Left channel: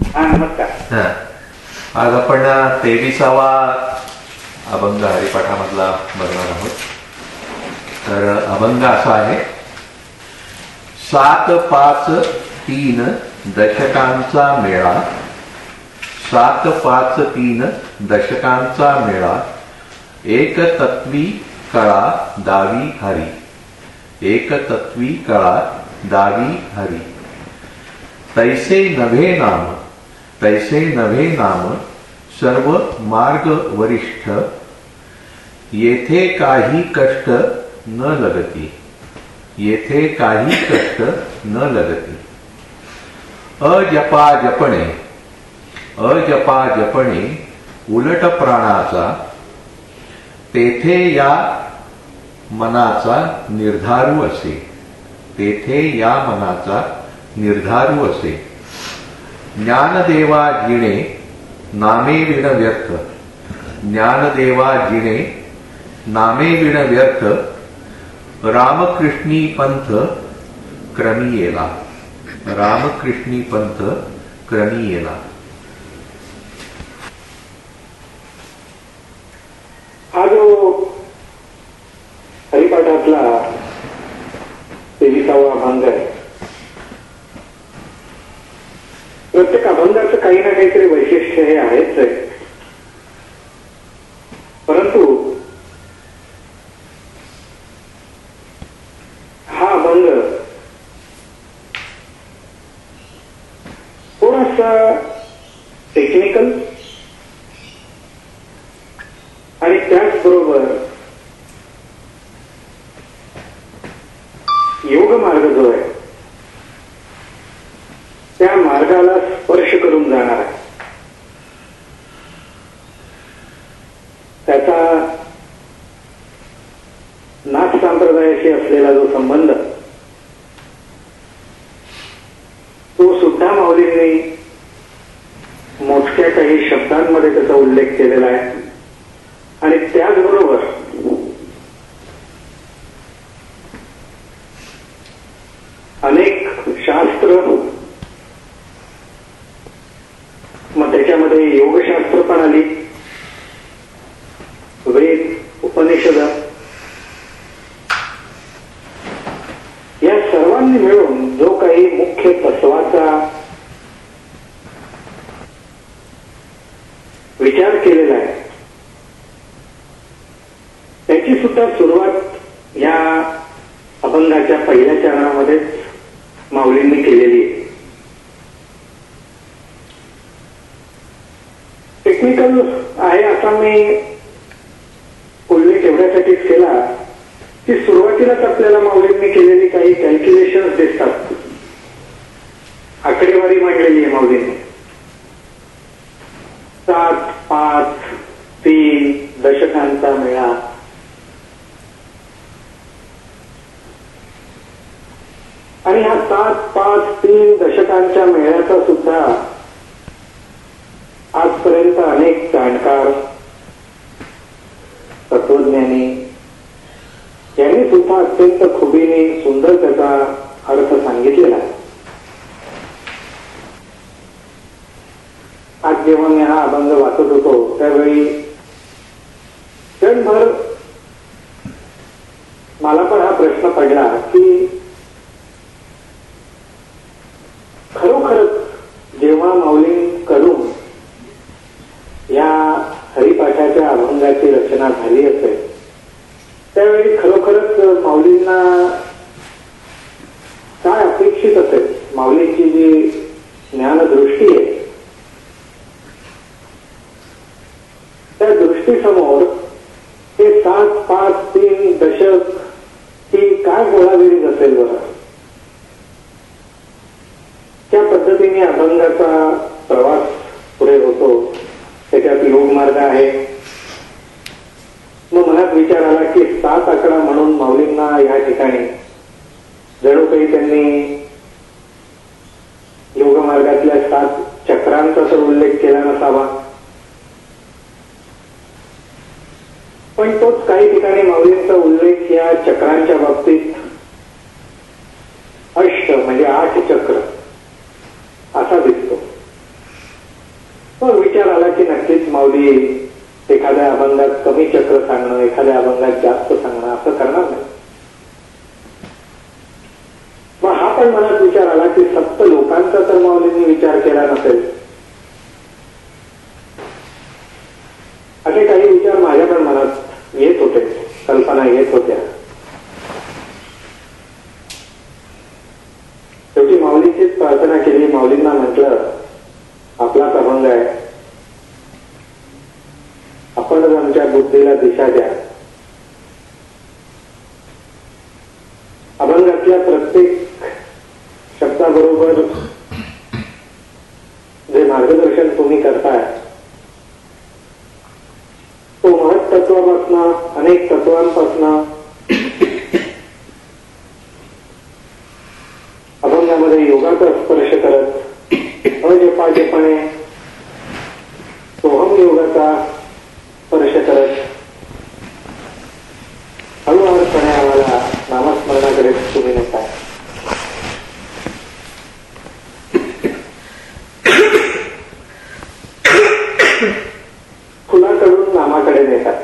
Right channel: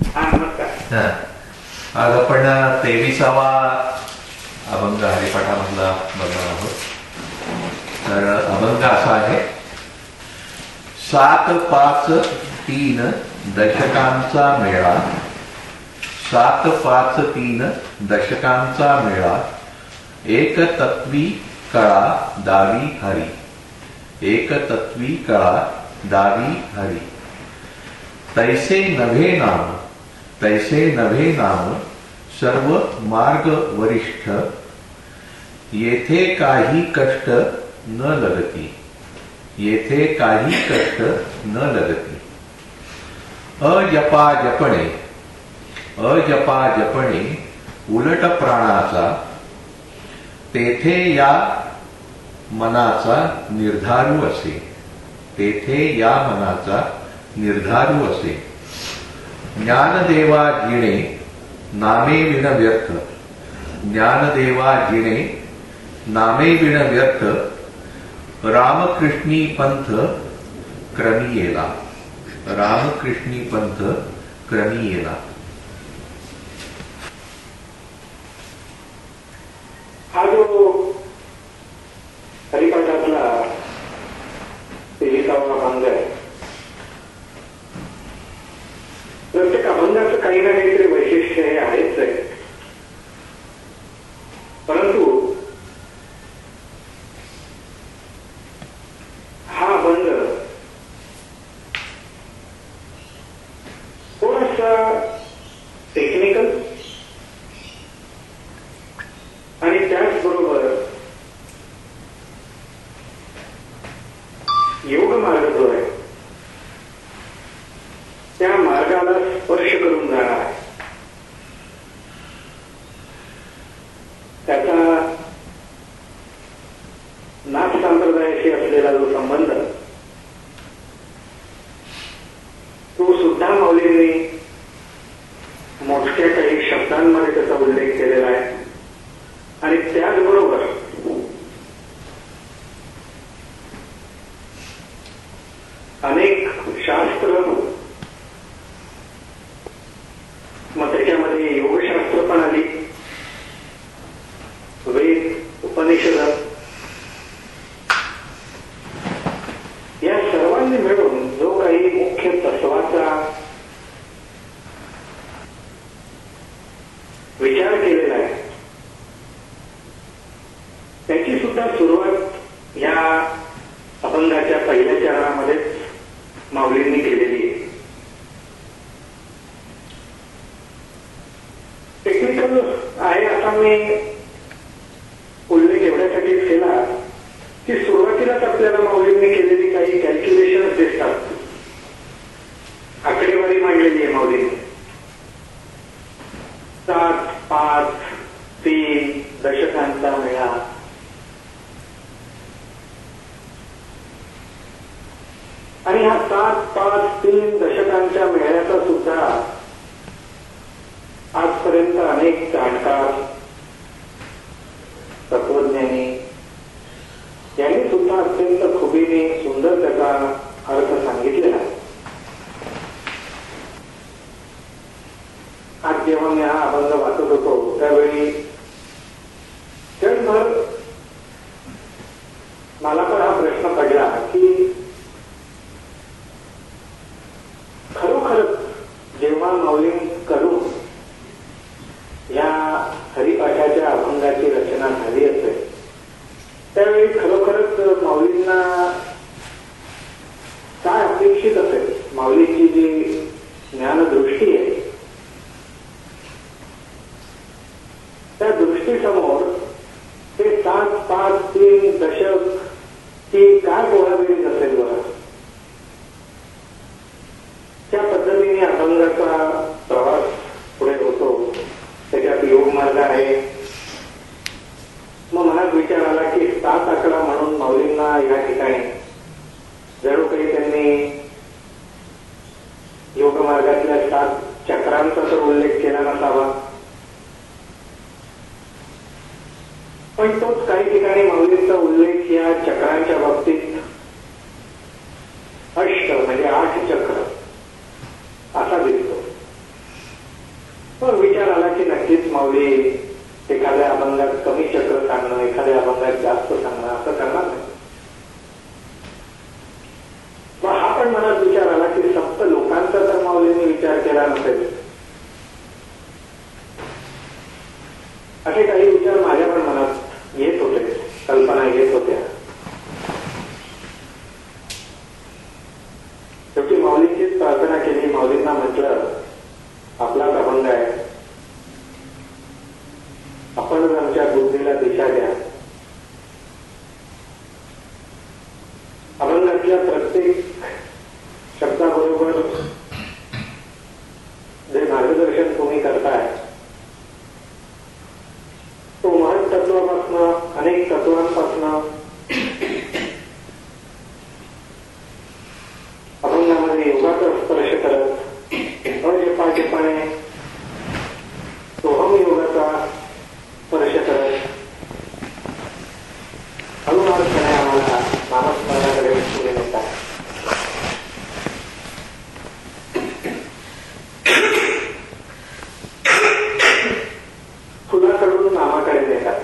हा नमस्कार. हा. आज आपण 23वा अभंग हरिपाठामधला बघणार आहोत. तर अभंग असा आहे. 7-5-3 दशकांचा मेळा, 7-5-3 दशकांचा मेळा, एक तत्वी कळा दावी हरी, एक तत्वी कळा दावी हरी. तैसे नभे नाम, तैसे नभे नाम, सर्व मार्ग वरिष्ठ, येथे काही कष्ट न लगती, येथे काही कष्ट न लगती. अजपा जपणे, अजपा जपणे उलट प्राणाचा, तेथे या मनाचा निर्धारू असे, तेथे या मनाचा निर्धारू असे. ज्ञानदेवा जिणे नामे विण व्यर्थ, ज्ञानदेवा जिणे नामे विण व्यर्थ, रामकृष्णी पंथ क्रमी येला, रामकृष्णी पंथ क्रमी येला. हा जो हरिपाठातला 23वा अभंग आहे. प्रत्येक अभंगाचं काही ना काहीतरी वैशिष्ट्य हे आहेच आहे. परंतु हा अभंग थोडासा टेक्निकल आणि त्याचबरोबर योग मार्ग जो आहे त्या मार्गाला स्पर्श करून जाणार आहे. त्याचा नाथ संप्रदायाशी असलेला जो संबंध तो सुद्धा माऊलींनी मोजक्या काही शब्दांमध्ये त्याचा उल्लेख केलेला आहे. आणि त्याचबरोबर अनेक शास्त्र, मग त्याच्यामध्ये योगशास्त्र पण आली, वेद, उपनिषद, या सर्वांनी मिळून जो काही मुख्य तत्वाचा विचार केलेला आहे त्याची सुद्धा सुरुवात या अभंगाच्या पहिल्या चरणामध्येच माऊलींनी केलेली आहे. टेक्निकल आहे असा मी उल्लेख एवढ्यासाठीच केला की सुरुवातीलाच आपल्याला माऊलींनी केलेली काही कॅल्क्युलेशन्स दिसतात. आकडेवारी मांडलेली आहे माऊलींनी. 7-5-3 दशकांचा मेळा, आणि ह्या 7-5-3 दशकांच्या मेळ्याचा सुद्धा आजपर्यंत अनेक जाणकार, तत्वज्ञानी यांनी सुद्धा अत्यंत खुबीने सुंदर त्याचा अर्थ सांगितलेला आहे. आज जेव्हा मी हा अभंग वाचत होतो त्यावेळी क्षणभर मला पण हा प्रश्न पडला की खरोखरच जेव्हा माऊलींकडून या हरिपाठाच्या अभंगाची रचना झाली असेल त्यावेळी खरोखरच माऊलींना काय अपेक्षित असेल, माऊलींची जी ज्ञानदृष्टी आहे त्या दृष्टीसमोर हे 7-5-3 दशक ही काय गोळाबेरीज असेल बरं. त्या पद्धतीने अभंगाचा प्रवास पुढे होतो. त्याच्यात योग मार्ग आहे. मग मनात विचार आला की 7 आकडा म्हणून माऊलींना या ठिकाणी जणू काही त्यांनी योग मार्गातल्या 7 चक्रांचा तर उल्लेख केला नसावा, पण तोच काही ठिकाणी माऊलींचा उल्लेख या चक्रांच्या बाबतीत अष्ट म्हणजे 8 चक्र असा दिसतो. नक्कीच माऊली एखाद्या अभंगात कमी चक्र सांगणं, एखाद्या अभंगात जास्त सांगणं असं करणार नाही. मग हा पण मनात विचार आला की सप्त लोकांचा तर माऊलींनी विचार केला नसेल. असे काही विचार माझ्या पण मनात येत होते, कल्पना येत होत्या. शेवटी माऊलींचीच प्रार्थना केली. माऊलींना म्हटलं, आपलाच अभंग आहे, आपणच आमच्या बुद्धीला दिशा द्या. अभंगातल्या प्रत्येक शब्दाबरोबर जे मार्गदर्शन तुम्ही करताय तो महत् तत्वापासून, अनेक तत्वांपासून अभंगामध्ये योगाचा स्पर्श करत अजपाजपाने सोहम योगाचा स्पर्श करत हळूहळूपणे आम्हाला नामस्मरणाकडे तुम्ही नेता. फुलाकडून नामाकडे नेतात.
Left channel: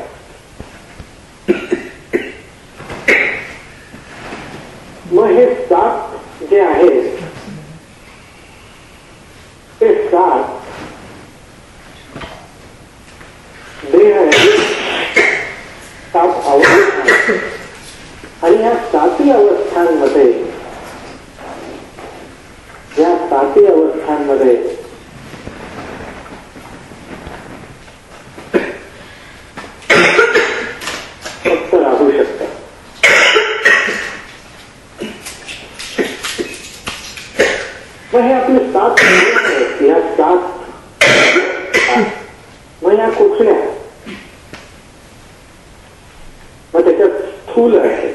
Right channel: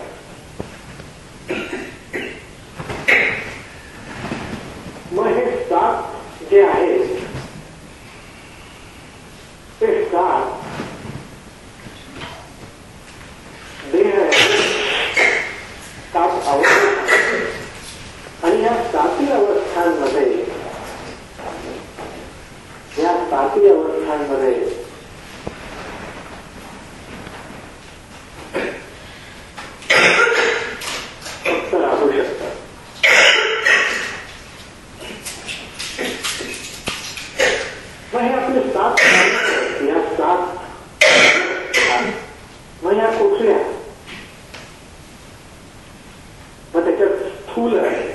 मग हे सात जे आहेत ते सात देह आहे, सात अवस्था. आणि या साती अवस्थांमध्ये फक्त राहू शकतात. मग हे आपले सात आहेत. या सात मग या कुठल्या? मग त्याच्यात स्थूल आहे,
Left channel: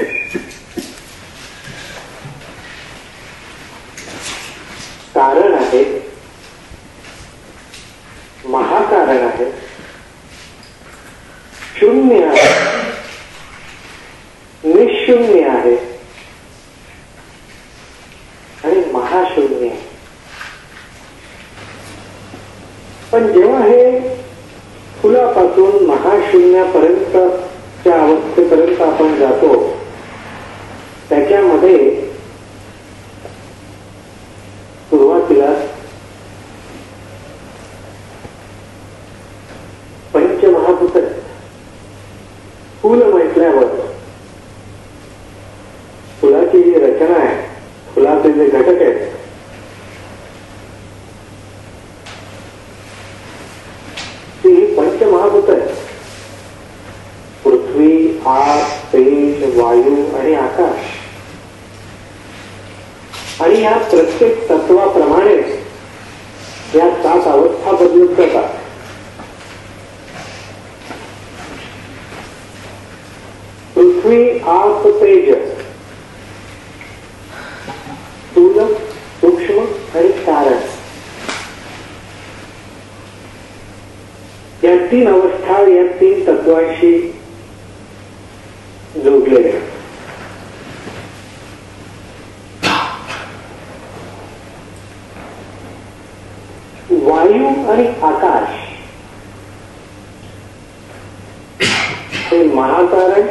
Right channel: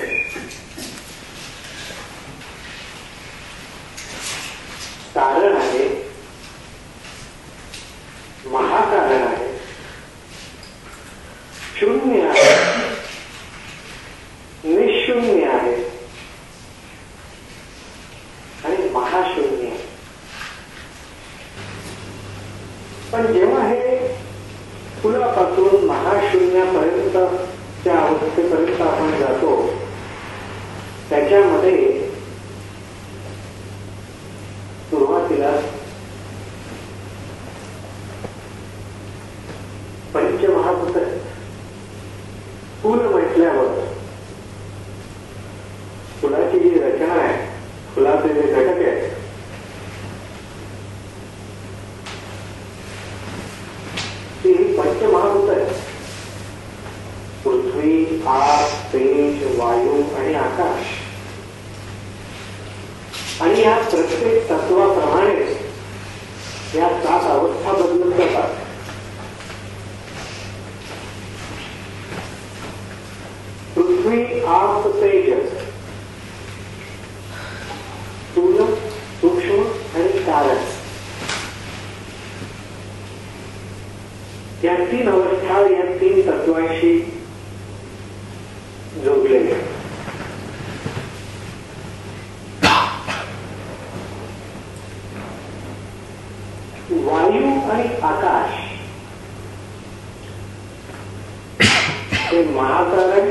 कारण आहे, महाकारण आहे, शून्य आहे, निशून्य आहे आणि महाशून्य आहे. पण जेव्हा हे फुलापासून महाशून्यापर्यंतच्या अवस्थेपर्यंत आपण जातो, त्याच्यामध्ये सुरुवातीला पंचमहाभूत आहेत. फुल म्हटल्यावर फुलाची जी रचना आहे, फुलाचे जे घटक आहेत, ती ही पंचमहाभूत आहेत. पृथ्वी, आग, तेज, वायू आणि आकाश. आणि या प्रत्येक तत्वाप्रमाणे या सात अवस्था बदलत जातात. पृथ्वी, आप, तेज, स्थूल, सूक्ष्म आणि कारण, या तीन अवस्था या तीन तत्वांशी जोडलेल्या. वायू आणि आकाश हे महाकारण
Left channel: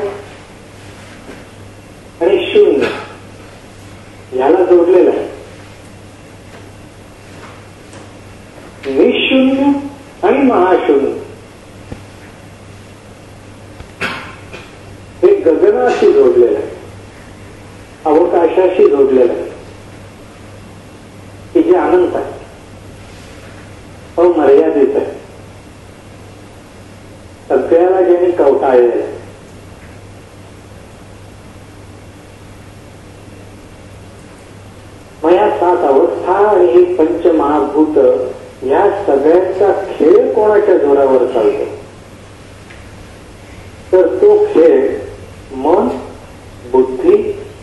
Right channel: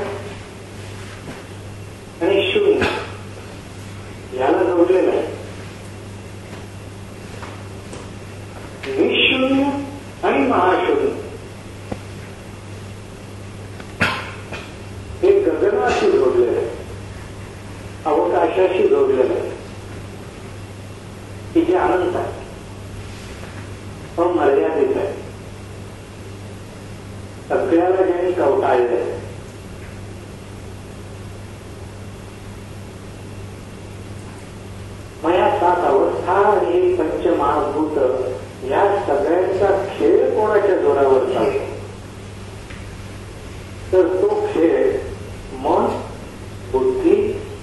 आणि शून्य याला जोडलेलं आहे. निशून्य आणि महाशून्य हे गगनाशी जोडलेलं आहे, अवकाशाशी जोडलेलं आहे, की जे अनंत आहे, अमर्यादित आहे, सगळ्याला ज्यांनी कवटाळलेलं आहे. मग या सात अवस्था आणि हे पंचमहाभूत या सगळ्यांचा खेळ कोणाच्या जोरावर चालतो? तर तो खेळ मन, बुद्धी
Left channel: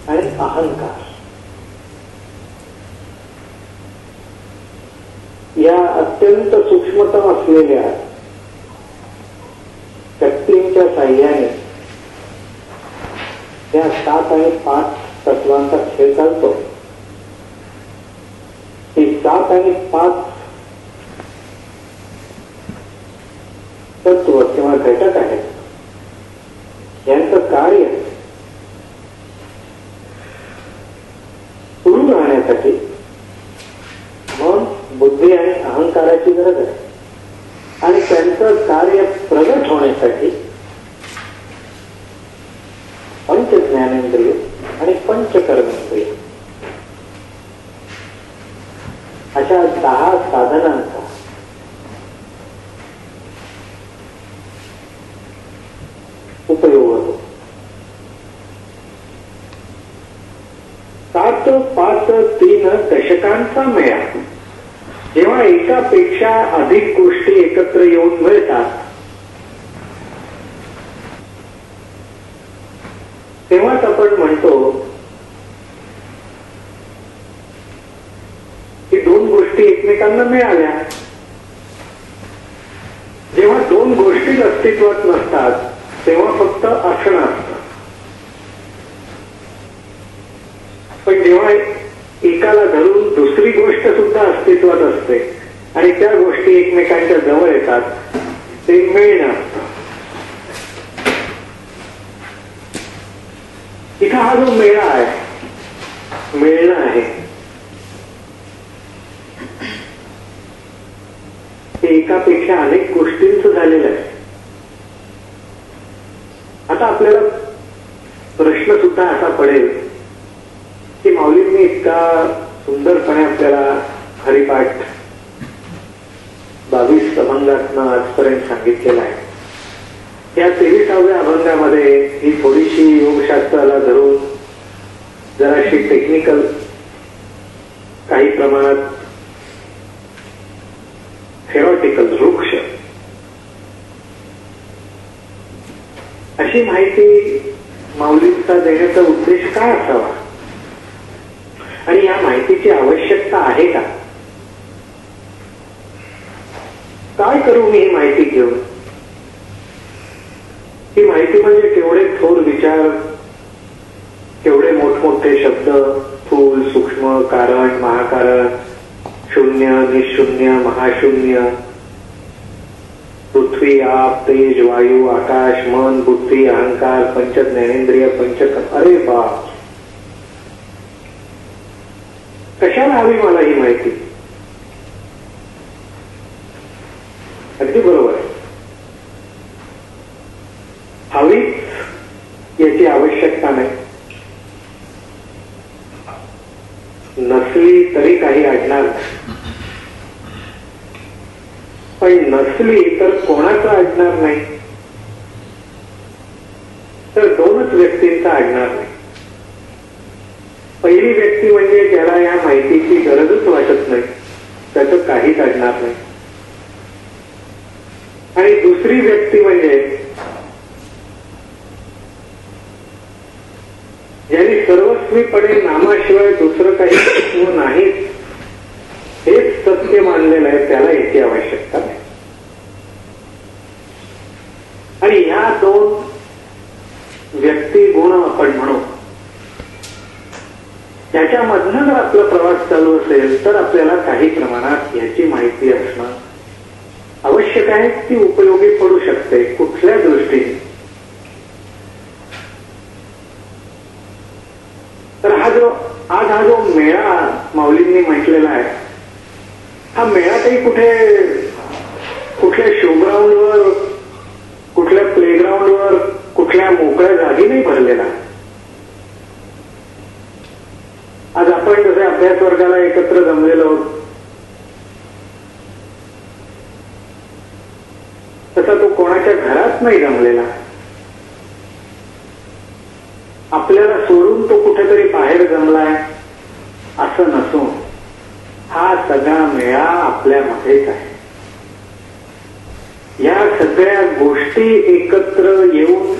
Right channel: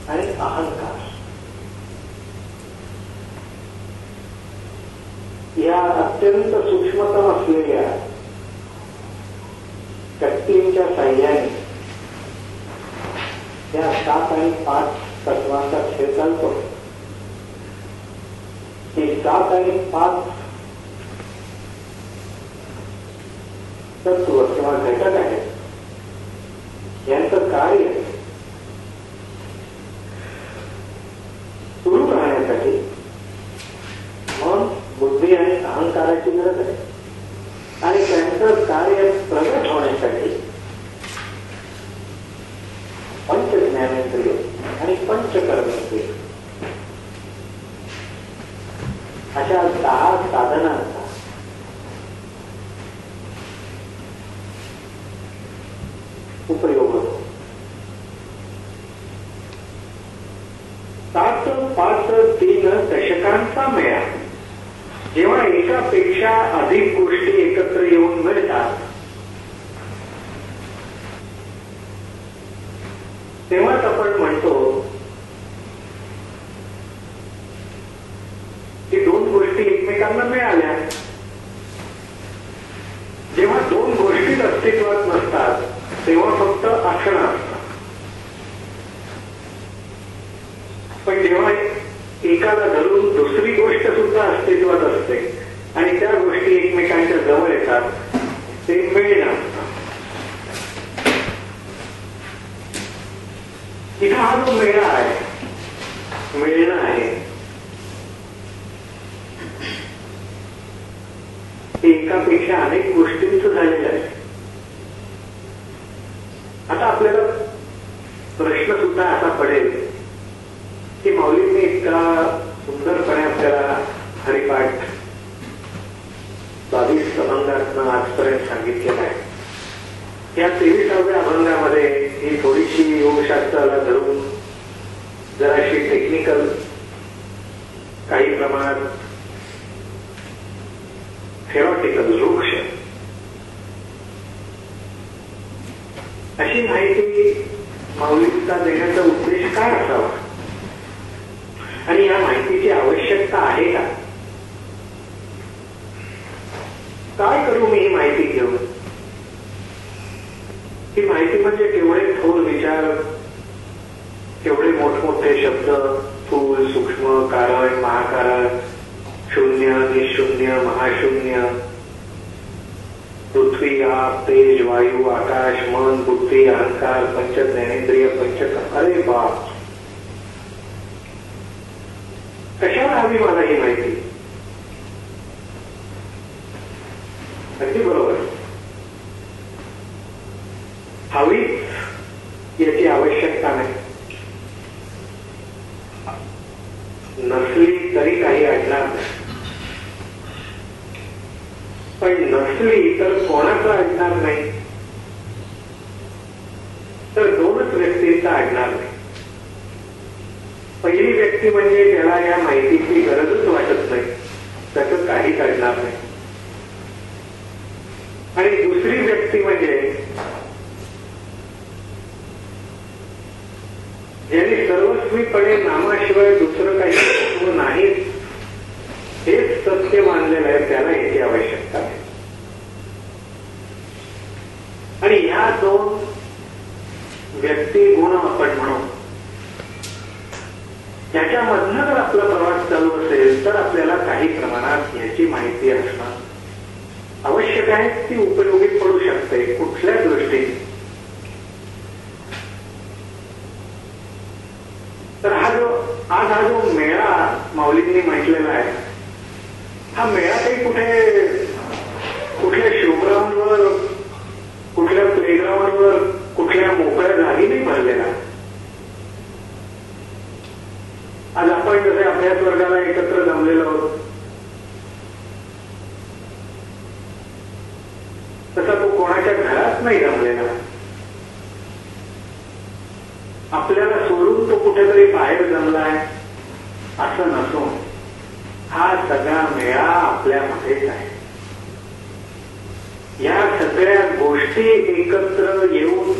आणि अहंकार या अत्यंत सूक्ष्मतम असलेल्या शक्तींच्या साह्याने या 7 आणि 5 तत्वांचा खेळ चालतो. ही 7 आणि 5 तत्व किंवा घटक आहेत यांचं कार्य सुरू राहण्यासाठी मन, बुद्धी आणि अहंकाराची गरज आहे. आणि त्यांचं कार्य प्रगट होण्यासाठी पंच ज्ञानेंद्रिय आणि पंचकर्मेंद्रिय अशा 10 साधनांचा उपयोग होतो. 7-5-3 दशकांचा मेळा जेव्हा एकापेक्षा अधिक गोष्टी एकत्र येऊन मिळतात तेव्हाच आपण म्हणतो की 2 गोष्टी एकमेकांना मिळाल्या. जेव्हा 2 गोष्टी अस्तित्वात नसतात तेव्हा फक्त असणं असतं. पण जेव्हा एकाला धरून दुसरी गोष्ट सुद्धा अस्तित्वात असते आणि त्या गोष्टी एकमेकांच्या जवळ येतात ते मिळणं असतं. इथं हा जो मेळा आहे, मिळणं आहे, ते एकापेक्षा अनेक गोष्टींचं झालेलं आहे. आता आपल्याला प्रश्न सुद्धा असा पडेल की माऊलींनी इतका सुंदरपणे आपल्याला हरिपाठ 22 अभंगातनं आजपर्यंत सांगितलेला आहे. या 23व्या अभंगामध्ये ही थोडीशी योगशास्त्राला धरून जराशी टेक्निकल, काही प्रमाणात थेरॉटिकल, वृक्ष अशी माहिती माऊलींचा देण्याचा उद्देश काय असावा आणि या माहितीची आवश्यकता आहे का? काय करू मी ही माहिती घेऊन? ही माहिती म्हणजे केवढे थोर विचार, केवढे मोठमोठे शब्द, स्थूल, सूक्ष्म, कारण, महाकारण, शून्य, निशून्य, महाशून्य, पृथ्वी, आप, तेज, वायू, आकाश, मन, बुद्धी, अहंकार, पंच ज्ञानेंद्रिय, पंचकर्म. अरे बाप, कशाला हवी मला ही माहिती? अगदी बरोबर, हवीच याची आवश्यकता नाही. नसली तरी काही अडणार नाही, पण नसली तर कोणाचं अडणार नाही? तर 2च व्यक्तींचा अडणार नाही. पहिली व्यक्ती म्हणजे ज्याला या माहितीची गरजच वाटत नाही, त्याचं काहीच अडणार नाही. आणि दुसरी व्यक्ती म्हणजे ज्यांनी सर्वस्वीपणे नामाशिवाय दुसरं काही तत्व नाही हेच सत्य मानलेलं आहे, त्याला याची आवश्यकता नाही. आणि ह्या 2 व्यक्ती गुण आपण म्हणू, याच्यामधनं जर आपला प्रवास चालू असेल तर आपल्याला काही प्रमाणात याची माहिती असणं आवश्यक आहे. ती उपयोगी पडू शकते कुठल्या दृष्टीने? तर आज हा जो मेळा माऊलींनी म्हटलेला आहे, हा मेळा काही कुठल्या शोग्राऊंडवर, कुठल्या प्लेग्राऊंडवर, कुठल्या मोकळ्या जागी नाही भरलेला. आज आपण जसे अभ्यास वर्गाला एकत्र जमलेलो आहोत तसा तो कोणाच्या घरात नाही जमलेला. आपल्याला सोडून तो कुठेतरी बाहेर जमलाय असं नसून हा सगळा मेळा आपल्यामध्येच आहे. या सगळ्या गोष्टी एकत्र येऊन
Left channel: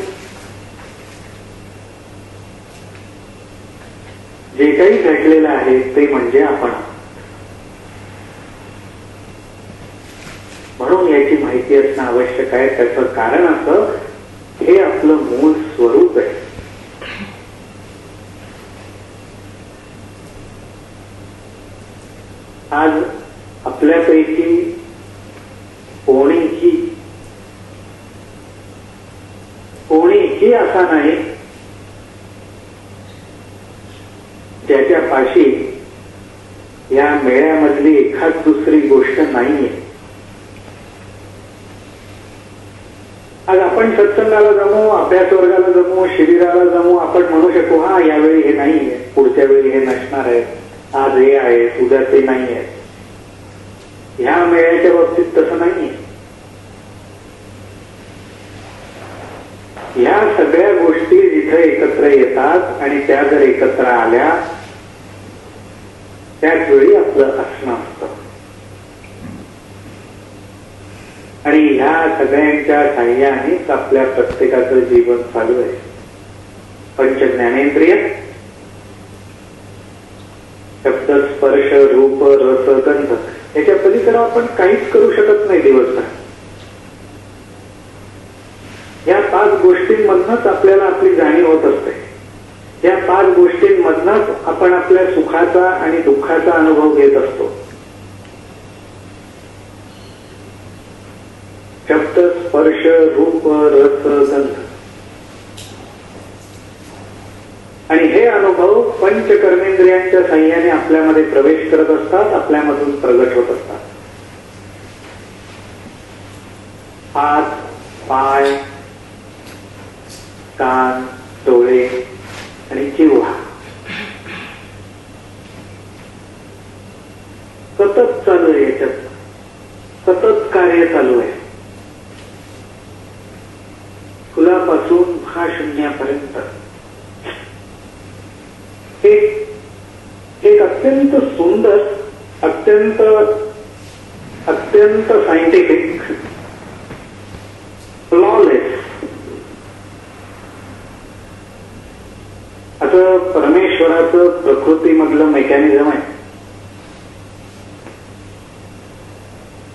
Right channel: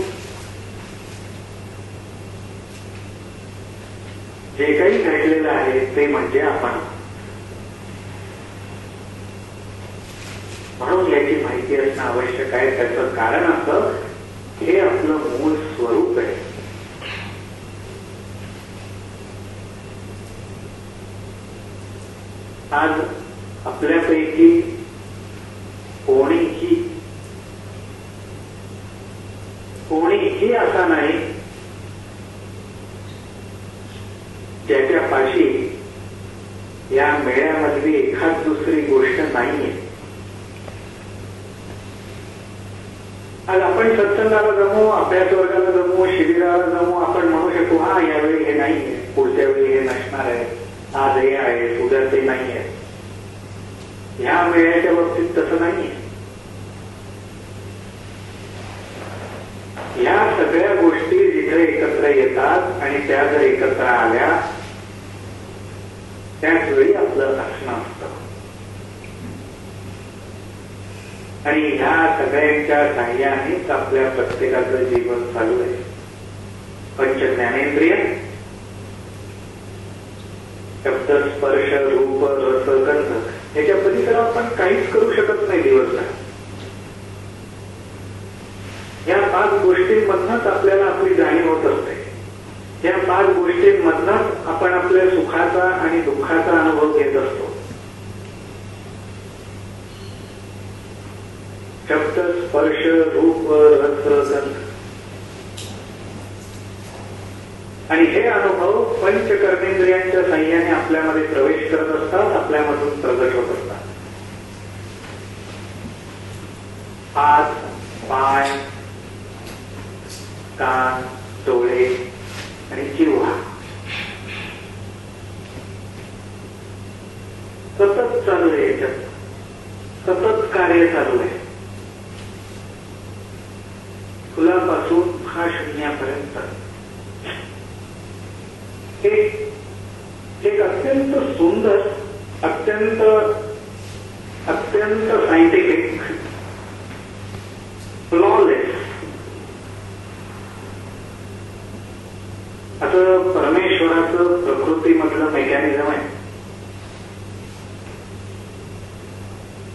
जे काही घडलेलं आहे ते म्हणजे आपण. म्हणून याची माहिती असणं आवश्यक आहे. त्याचं कारण असं, हे आपलं मूळ स्वरूप आहे. आज आपल्यापैकी कोणीही कोणीही असा नाही ज्याच्या पाशी या मेळ्यामधली एखाद दुसरी गोष्ट नाहीये. आज आपण सत्संगाला जमू, अभ्यास वर्गाला जमू, शिबिराला जमू, आपण म्हणू शकू हा यावेळी हे नाहीये, पुढच्या वेळी हे नसणार आहे, आज हे आहे, उद्या ते नाहीये. ह्या मेळ्याच्या बाबतीत तसं नाहीये. ह्या सगळ्या गोष्टी जिथे एकत्र येतात आणि त्या जर एकत्र आल्या त्याच वेळी आपलं असणं असतं. आणि ह्या सगळ्यांच्या साह्यानेच आपल्या प्रत्येकाचं जीवन चालू आहे. पंच ज्ञानेंद्रिय, शब्द, स्पर्श, रूप, रस, गंध याच्या पलीकडे आपण काहीच करू शकत नाही दिवसभर. या 5 गोष्टींमधनच आपल्याला आपली जाणीव होत असते. या 5 गोष्टींमधनच आपण आपल्या सुखाचा आणि दुःखाचा अनुभव घेत असतो. शब्द, स्पर्श, रूप, रस, गंध. आणि हे अनुभव पंच कर्मेंद्रियांच्या साह्याने आपल्यामध्ये प्रवेश करत असतात, आपल्यामधून प्रगट होत असतात. हात, पाय, कान, डोळे आणि जिव्हा सतत चालू आहे. याच्यात सतत कार्य चालू आहे. फुलापासून महाशून्यापर्यंत एक अत्यंत सुंदर, अत्यंत अत्यंत सायंटिफिक, फ्लॉलेस असं परमेश्वराचं प्रकृतीमधलं मेकॅनिझम आहे.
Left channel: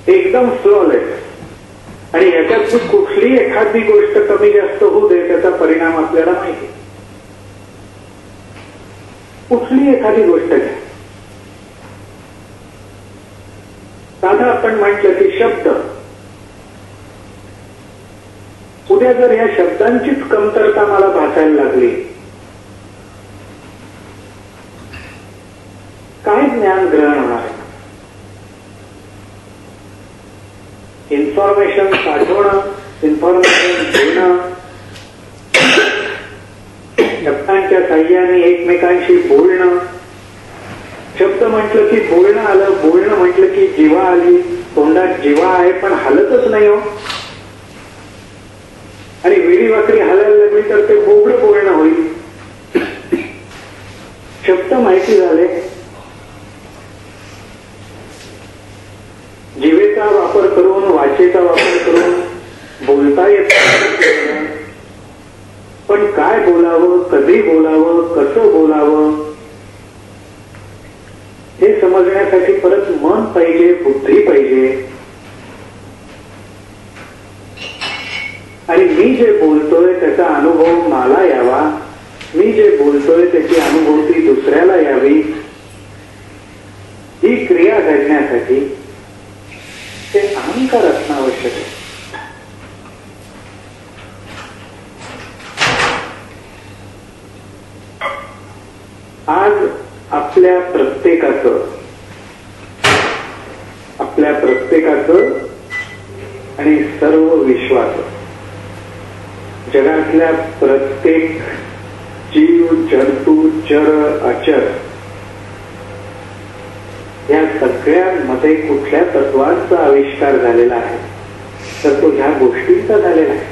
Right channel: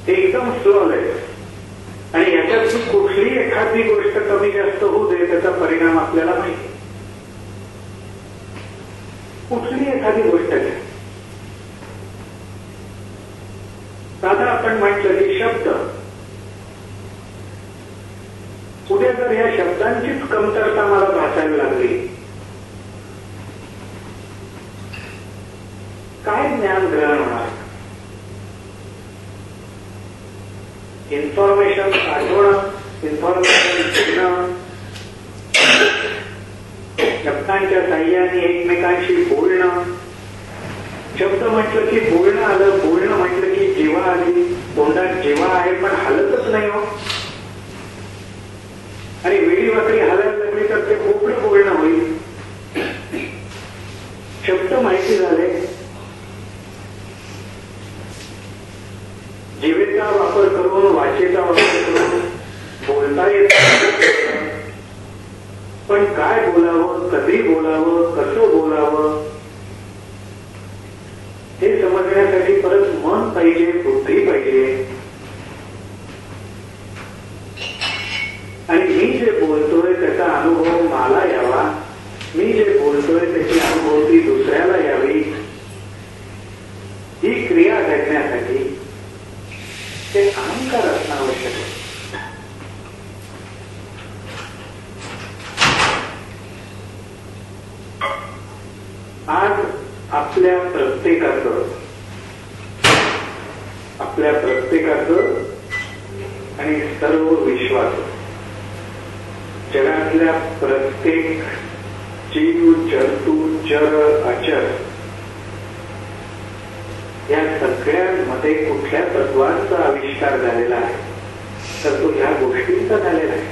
एकदम फ्लॉलेस. आणि याच्यात कुठली एखादी गोष्ट कमी जास्त होऊ दे त्याचा परिणाम आपल्याला माहिती. कुठली एखादी गोष्ट घ्या. साधा आपण म्हटलं की शब्द, उद्या जर या शब्दांचीच कमतरता मला भासायला लागली, काय ज्ञान ग्रहण होणार? इन्फॉर्मेशन साठवणं, इन्फॉर्मेशन देणं, शब्दांच्या साह्याने एकमेकांशी बोलणं. शब्द म्हटलं की बोलणं आलं, बोलणं म्हटलं की जीवा आली. तोंडात जीवा आहे पण हलतच नाही हो. आणि वेडी वाकडी हलायला लागली तर ते बोबडं बोलणं होईल. शब्द माहिती झाले, जिवेचा वापर करून, वाचेचा वापर करून बोलता येत. पण काय बोलावं, कधी बोलावं, कसं बोलावं हे समजण्यासाठी परत मन पाहिजे, बुद्धी पाहिजे. आणि मी जे बोलतोय त्याचा अनुभव मला यावा, मी जे बोलतोय त्याची अनुभूती दुसऱ्याला यावी, ही क्रिया घडण्यासाठी ते अहंकार असणं आवश्यक आहे. आज आपल्या प्रत्येकाचं आणि सर्व विश्वाचं, जगातल्या प्रत्येक जीव, जंतू, चर, अचर या सगळ्यांमध्ये कुठल्या तत्वांचा आविष्कार झालेला आहे तर तो ह्या गोष्टींचा झालेला आहे.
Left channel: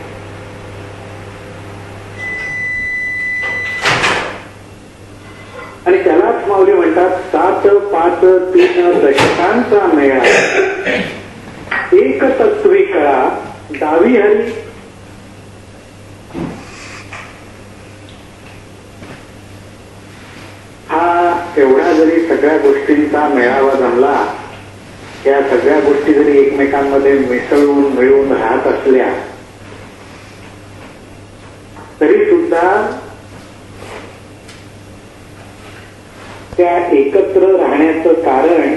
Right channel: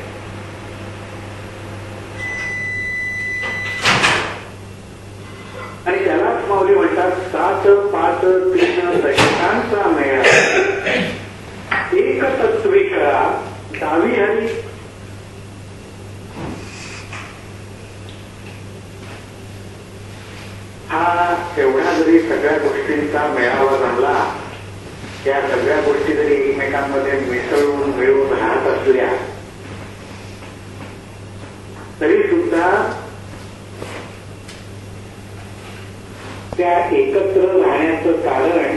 आणि त्यालाच माऊली म्हणतात 7, 5, 3 दशकांचा मेळा, एक तत्वी कळा दावी हरी. हा एवढा जरी सगळ्या गोष्टींचा मेळावा जमला, या सगळ्या गोष्टी जरी एकमेकांमध्ये मिसळून मिळून राहत असल्या तरी सुद्धा त्या एकत्र राहण्याचं कारण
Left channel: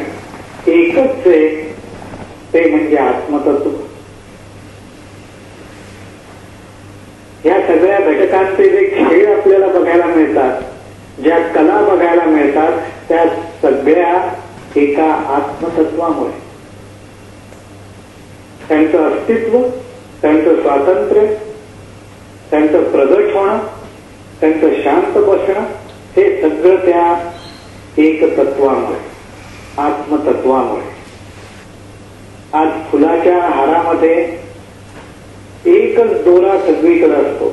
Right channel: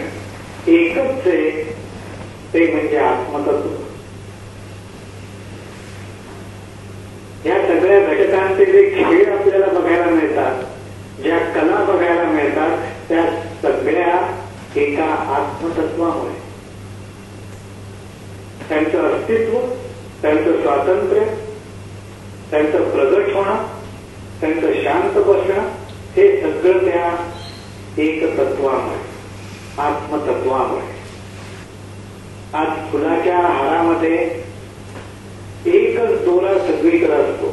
एकच आहे, ते म्हणजे आत्मतत्व. या सगळ्या घटकांचे जे खेळ आपल्याला बघायला मिळतात, ज्या कला बघायला मिळतात, त्या सगळ्या एका आत्मतत्वामुळे. त्यांचं अस्तित्व, त्यांचं स्वातंत्र्य, त्यांचं प्रगट होणं, त्यांचं शांत बसणं, हे सगळं त्या एक तत्वामुळे, आत्मतत्वामुळे. आज फुलाच्या हारामध्ये एकच दोरा सगळीकडे असतो.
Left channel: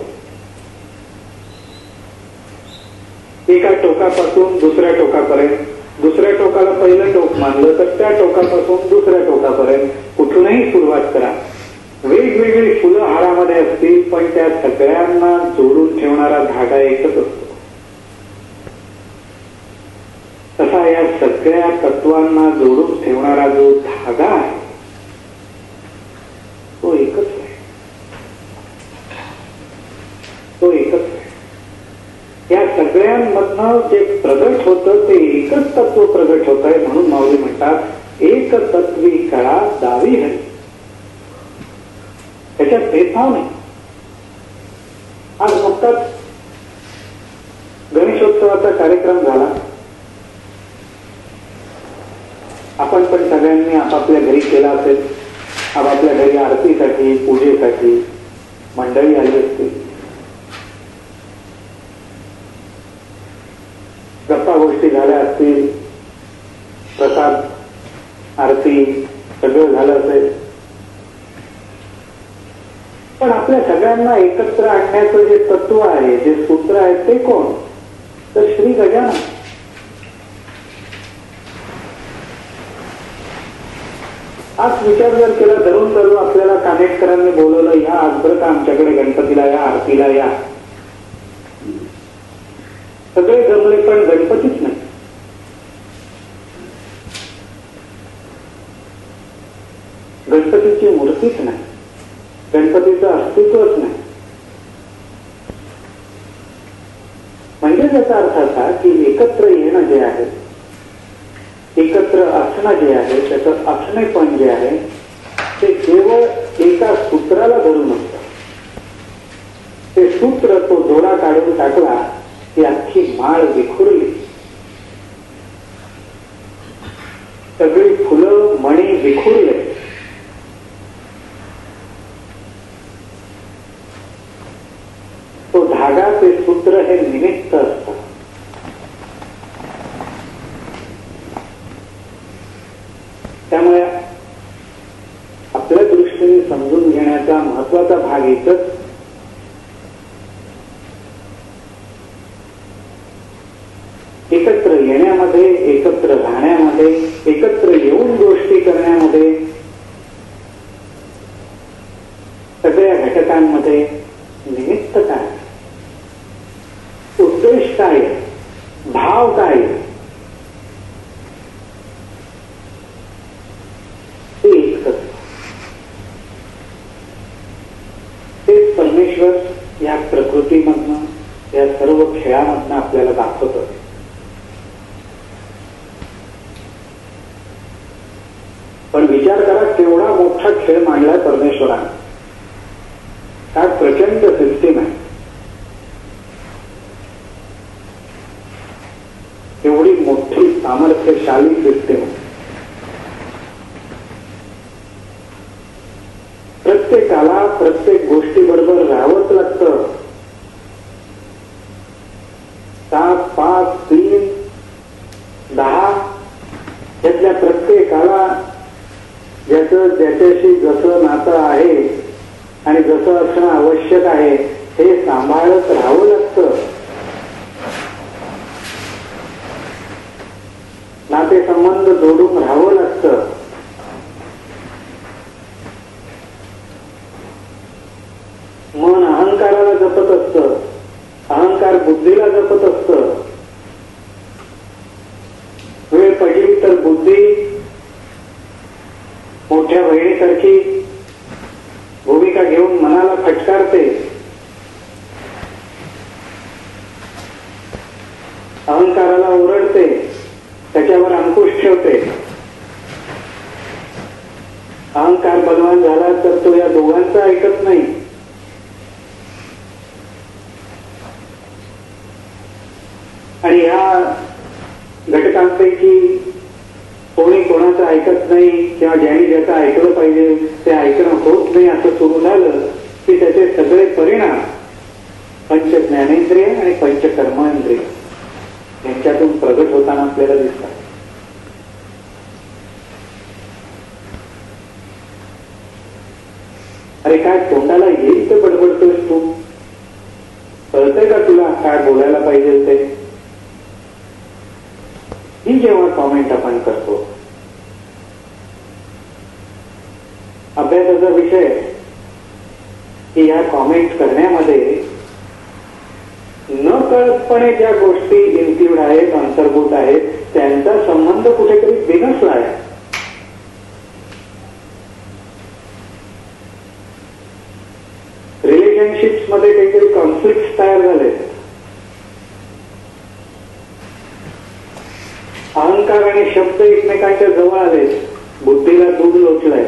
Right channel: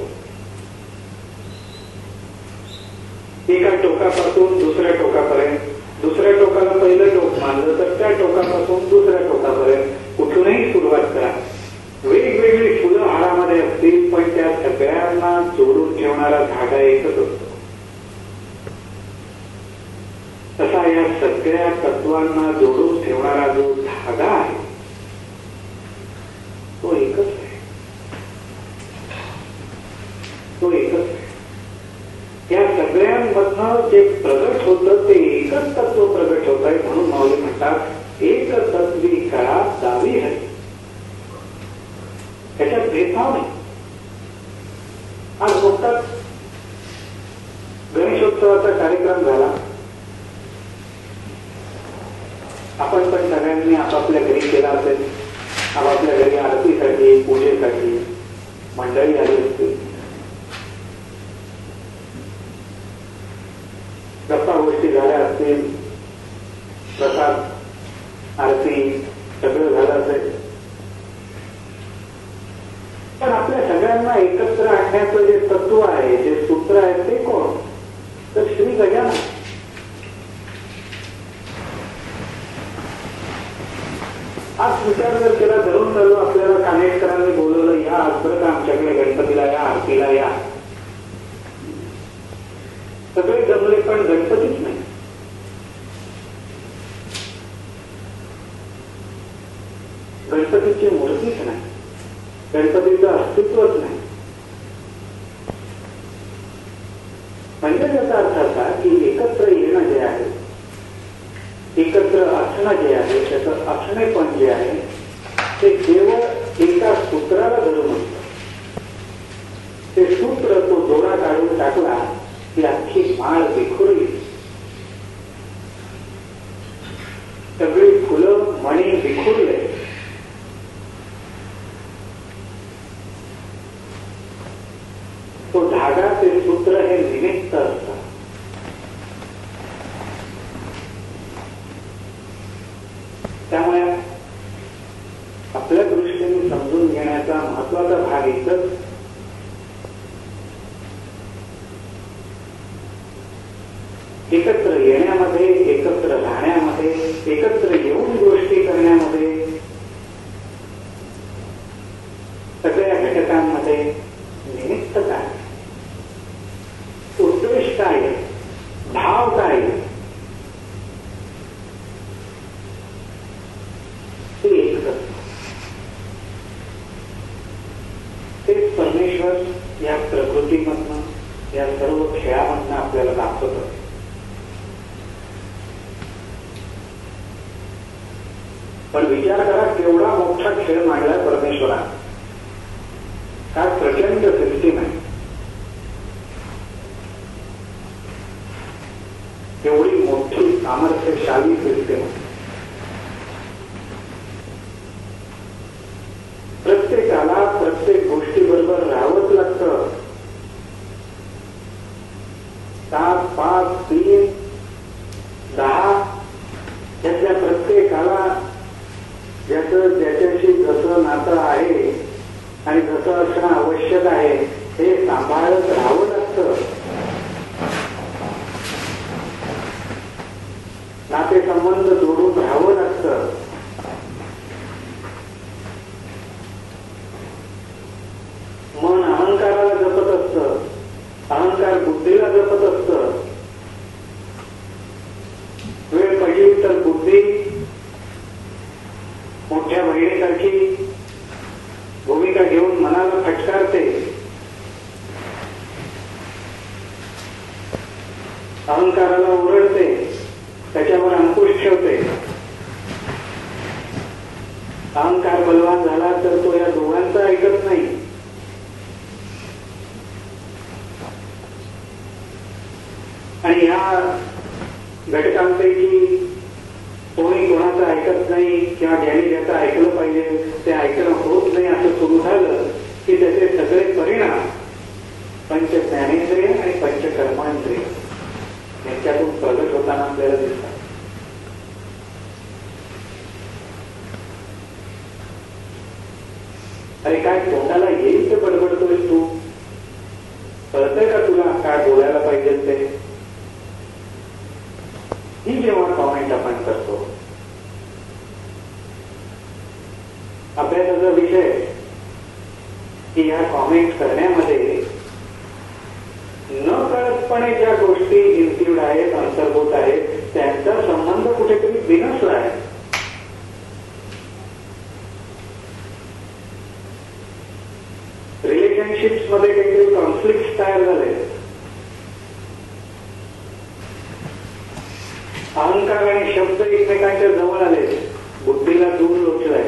एका टोकापासून दुसऱ्या टोकापर्यंत, दुसऱ्या टोकाला पहिलं टोक मानलं तर त्या टोकापासून दुसऱ्या टोकापर्यंत कुठूनही सुरुवात करा. वेगवेगळी फुलं हारामध्ये असतील, पण त्या सगळ्यांना जोडून ठेवणारा धागा एकच असतो. तसा या सगळ्या तत्वांना जोडून ठेवणारा जो धागा आहे तो एकच आहे. तो एकच आहे. या सगळ्यांमधनं जे प्रगट होतं ते एकच तत्व प्रगट होत आहे. म्हणून माऊली म्हणतात एक तत्वी कळा दावी हरी. त्याच्यात भेदभाव नाही. आज नुकताच गणेशोत्सवाचा कार्यक्रम झाला. आपण पण सगळ्यांनी आपापल्या घरी केला असेल. आपापल्या घरी आरतीसाठी, पूजेसाठी मंडळी आली असतील. गप्पा गोष्टी झाल्या असतील, प्रसाद, आरती सगळं झालं असेल. पण आपल्या सगळ्यांना एकत्र आणण्याचं जे तत्व आहे, जे सूत्र आहे, ते कोण? तर श्री गजानन. आज विचार जर केला, धरून चालू आपल्याला कानेटकरांनी बोलवलं, या आज बरं का आमच्याकडे गणपतीला या, आरतीला या. सगळे जमले पण गणपतीच नाही. गणपतीची मूर्तीच नाही. गणपतीचं अस्तित्वच नाही. म्हणजे त्याचा अर्थ असा की एकत्र येणं जे आहे, एकत्र असणं जे आहे, त्याचं असणेपण जे आहे ते केवळ एका सूत्राला धरून असतं. ते सूत्र, तो दोरा काढून टाकला की अख्खी माळ विखुरली. सगळी फुलं मणी विखुरले. तो धागा, ते सूत्र हे निमित्त असतं. त्यामुळे आपल्या दृष्टीने समजून घेण्याचा महत्वाचा भाग एकच, एकत्र येण्यामध्ये, एकत्र राहण्यामध्ये, एकत्र येऊन गोष्टी करण्यामध्ये, सगळ्या घटकांमध्ये निमित्त काय, उद्देश काय, भाव काय, ते एकच. तेच परमेश्वर या प्रकृतीमधनं, या सर्व खेळामधनं आपल्याला दाखवतो. पण विचार करा, केवढा मोठा खेळ मांडलाय परमेश्वराने. काय प्रचंड सिस्टीम आहे. एवढी मोठी सामर्थ्यशाली सिस्टीम आहे. प्रत्येकाला प्रत्येक गोष्टीबरोबर राहावंच लागतं. 7, 5, 3, 10 यातल्या प्रत्येकाला ज्याच्याशी जसं नातं आहे आणि जसं असणं आवश्यक आहे हे सांभाळत राहावं लागतं. नातेसंबंध जोडून राहावं लागतं. मन अहंकाराला जपत असतं, अहंकार बुद्धीला जपत असतं. वेळ पडली तर बुद्धी मोठ्या बहिणीसारखी भूमिका घेऊन मनाला फटकारते. अहंकाराला ओरडते, त्याच्यावर अंकुश ठेवते. अहंकार बलवान झाला तर तो या दोघांचा ऐकत नाही. आणि ह्या घटकांपैकी कोणी कोणाचं ऐकत नाही किंवा ज्यांनी ज्याचं ऐकलं पाहिजे ते ऐकणं होत नाही असं सुरू झालं की त्याचे सगळे परिणाम पंच ज्ञानेंद्रिय आणि पंचकर्मेंद्रिय यांच्यातून प्रगट होताना आपल्याला दिसतात. अरे काय तोंडाला येईल ते बडबडतोयस तू? कळतंय का तुला काय बोलायला पाहिजे ते? ही जेव्हा कॉमेंट आपण करतो, अभ्यासाचा विषय की या कॉमेंट करण्यामध्ये न कळतपणे ज्या गोष्टी इन्क्लूड आहेत, अंतर्भूत आहेत, त्यांचा संबंध कुठेतरी बिनसला आहे. रिलेशनशिप्स मध्ये काहीतरी कॉन्फ्लिक्ट तयार झाले. अहंकार आणि शब्द एकमेकांच्या जवळ आले, बुद्धीला दूर लोचलाय,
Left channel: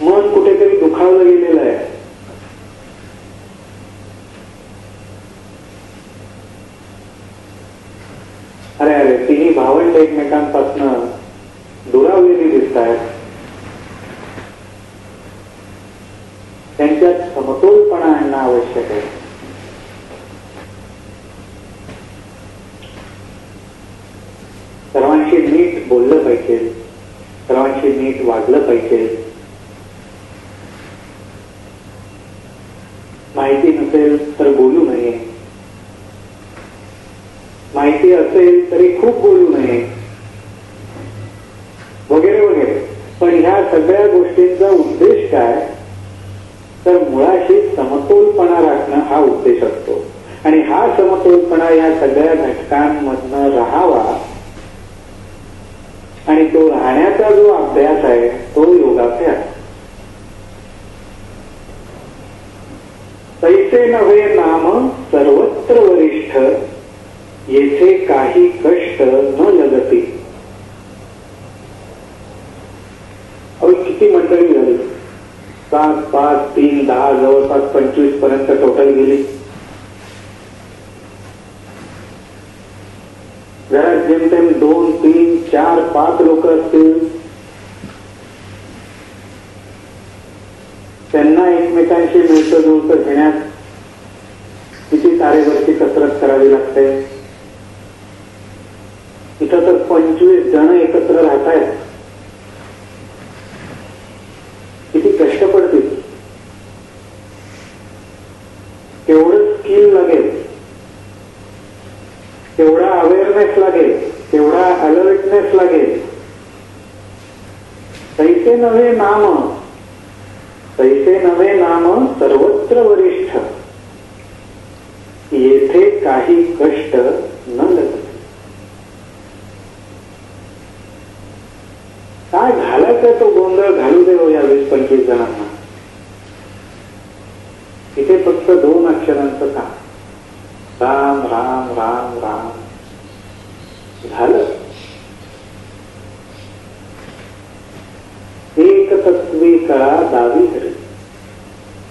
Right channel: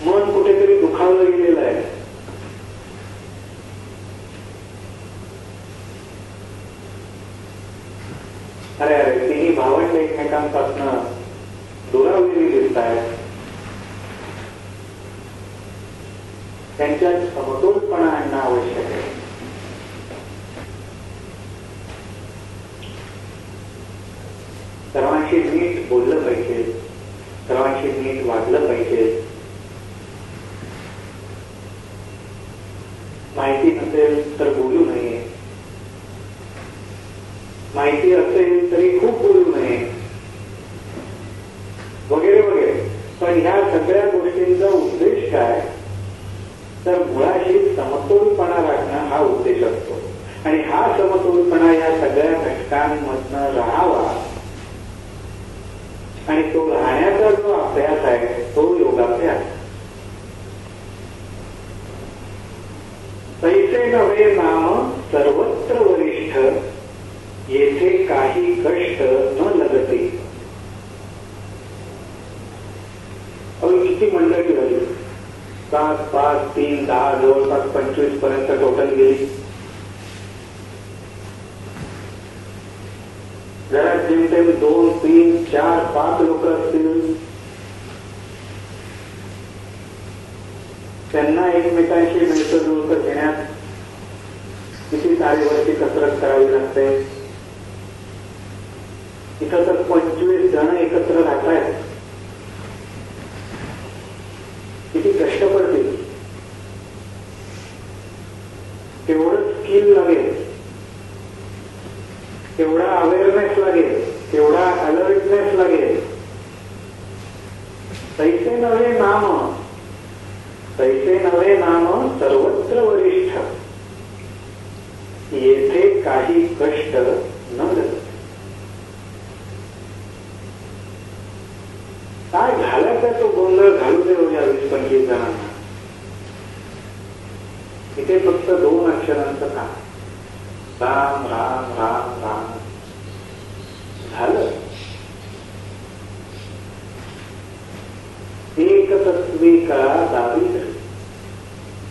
मन कुठेतरी दुखावलं गेलेलं आहे. अरे अरे तिन्ही भावंड एकमेकांपासून दुरावलेली दिसत आहेत. त्यांच्यात समतोलपणा आणणं आवश्यक आहे. सर्वांशी नीट बोललं पाहिजे, सर्वांशी नीट वागलं पाहिजे. माहिती नसेल तर बोलू नये, माहिती असेल तरी खूप बोलू नये, वगैरे वगैरे. पण ह्या सगळ्या गोष्टींचा उद्देश काय? तर मुळाशी समतोलपणा राखणं हा उद्देश असतो. आणि हा समतोलपणा या सगळ्या घटकांमधनं राहावा आणि तो राहण्याचा जो अभ्यास आहे तो योगाभ्यास. तैसे नव्हे नाम सर्वत्र वरिष्ठ, येथे काही कष्ट न लगती. अहो किती मंडळी झाली, 7, 5, 3, 10 जवळपास 25 पर्यंत टोटल गेली. घरात जेमतेम 2, 3, 4, 5 लोक असतील. त्यांना एकमेकांशी मिळतं जुळतं घेण्यात किती तारेवरची कसरत करावी लागते. इथं तर 25 जण एकत्र राहत आहेत, किती कष्ट पडतील, केवढं स्किल लागेल, केवढा अवेअरनेस लागेल, केवढा अलर्टनेस लागेल. तैसे नव्हे नाम, तैसे नव्हे नाम सर्वत्र वरिष्ठ, येथे काही कष्ट न लगते. काय घालायचा तो गोंधळ घालू दे हो या 20-25 जणांना. इथे फक्त 2 अक्षरांचं काम, राम राम राम राम झालं. एक तत्वी कळा दावी करेल.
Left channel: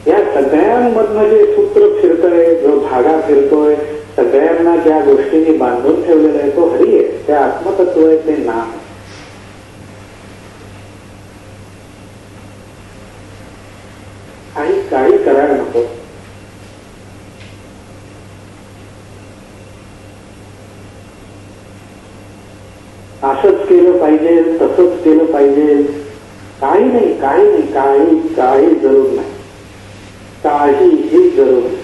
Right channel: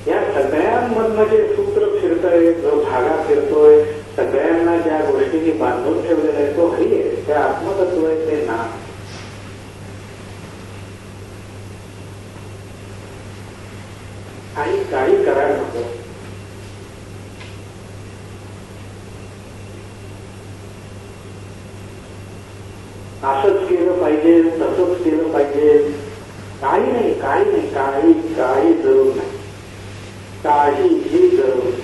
या सगळ्यांमधनं जे सूत्र फिरतोय, जो धागा फिरतोय, सगळ्यांना ज्या गोष्टींनी बांधून ठेवलेला आहे तो हरी आहे, ते आत्मतत्व आहे, ते नाम. काही करायला नको. असंच केलं पाहिजे, तसंच केलं पाहिजे, काही नाही, काही नाही, काही जरूर नाही, काहीही जरूर नाही.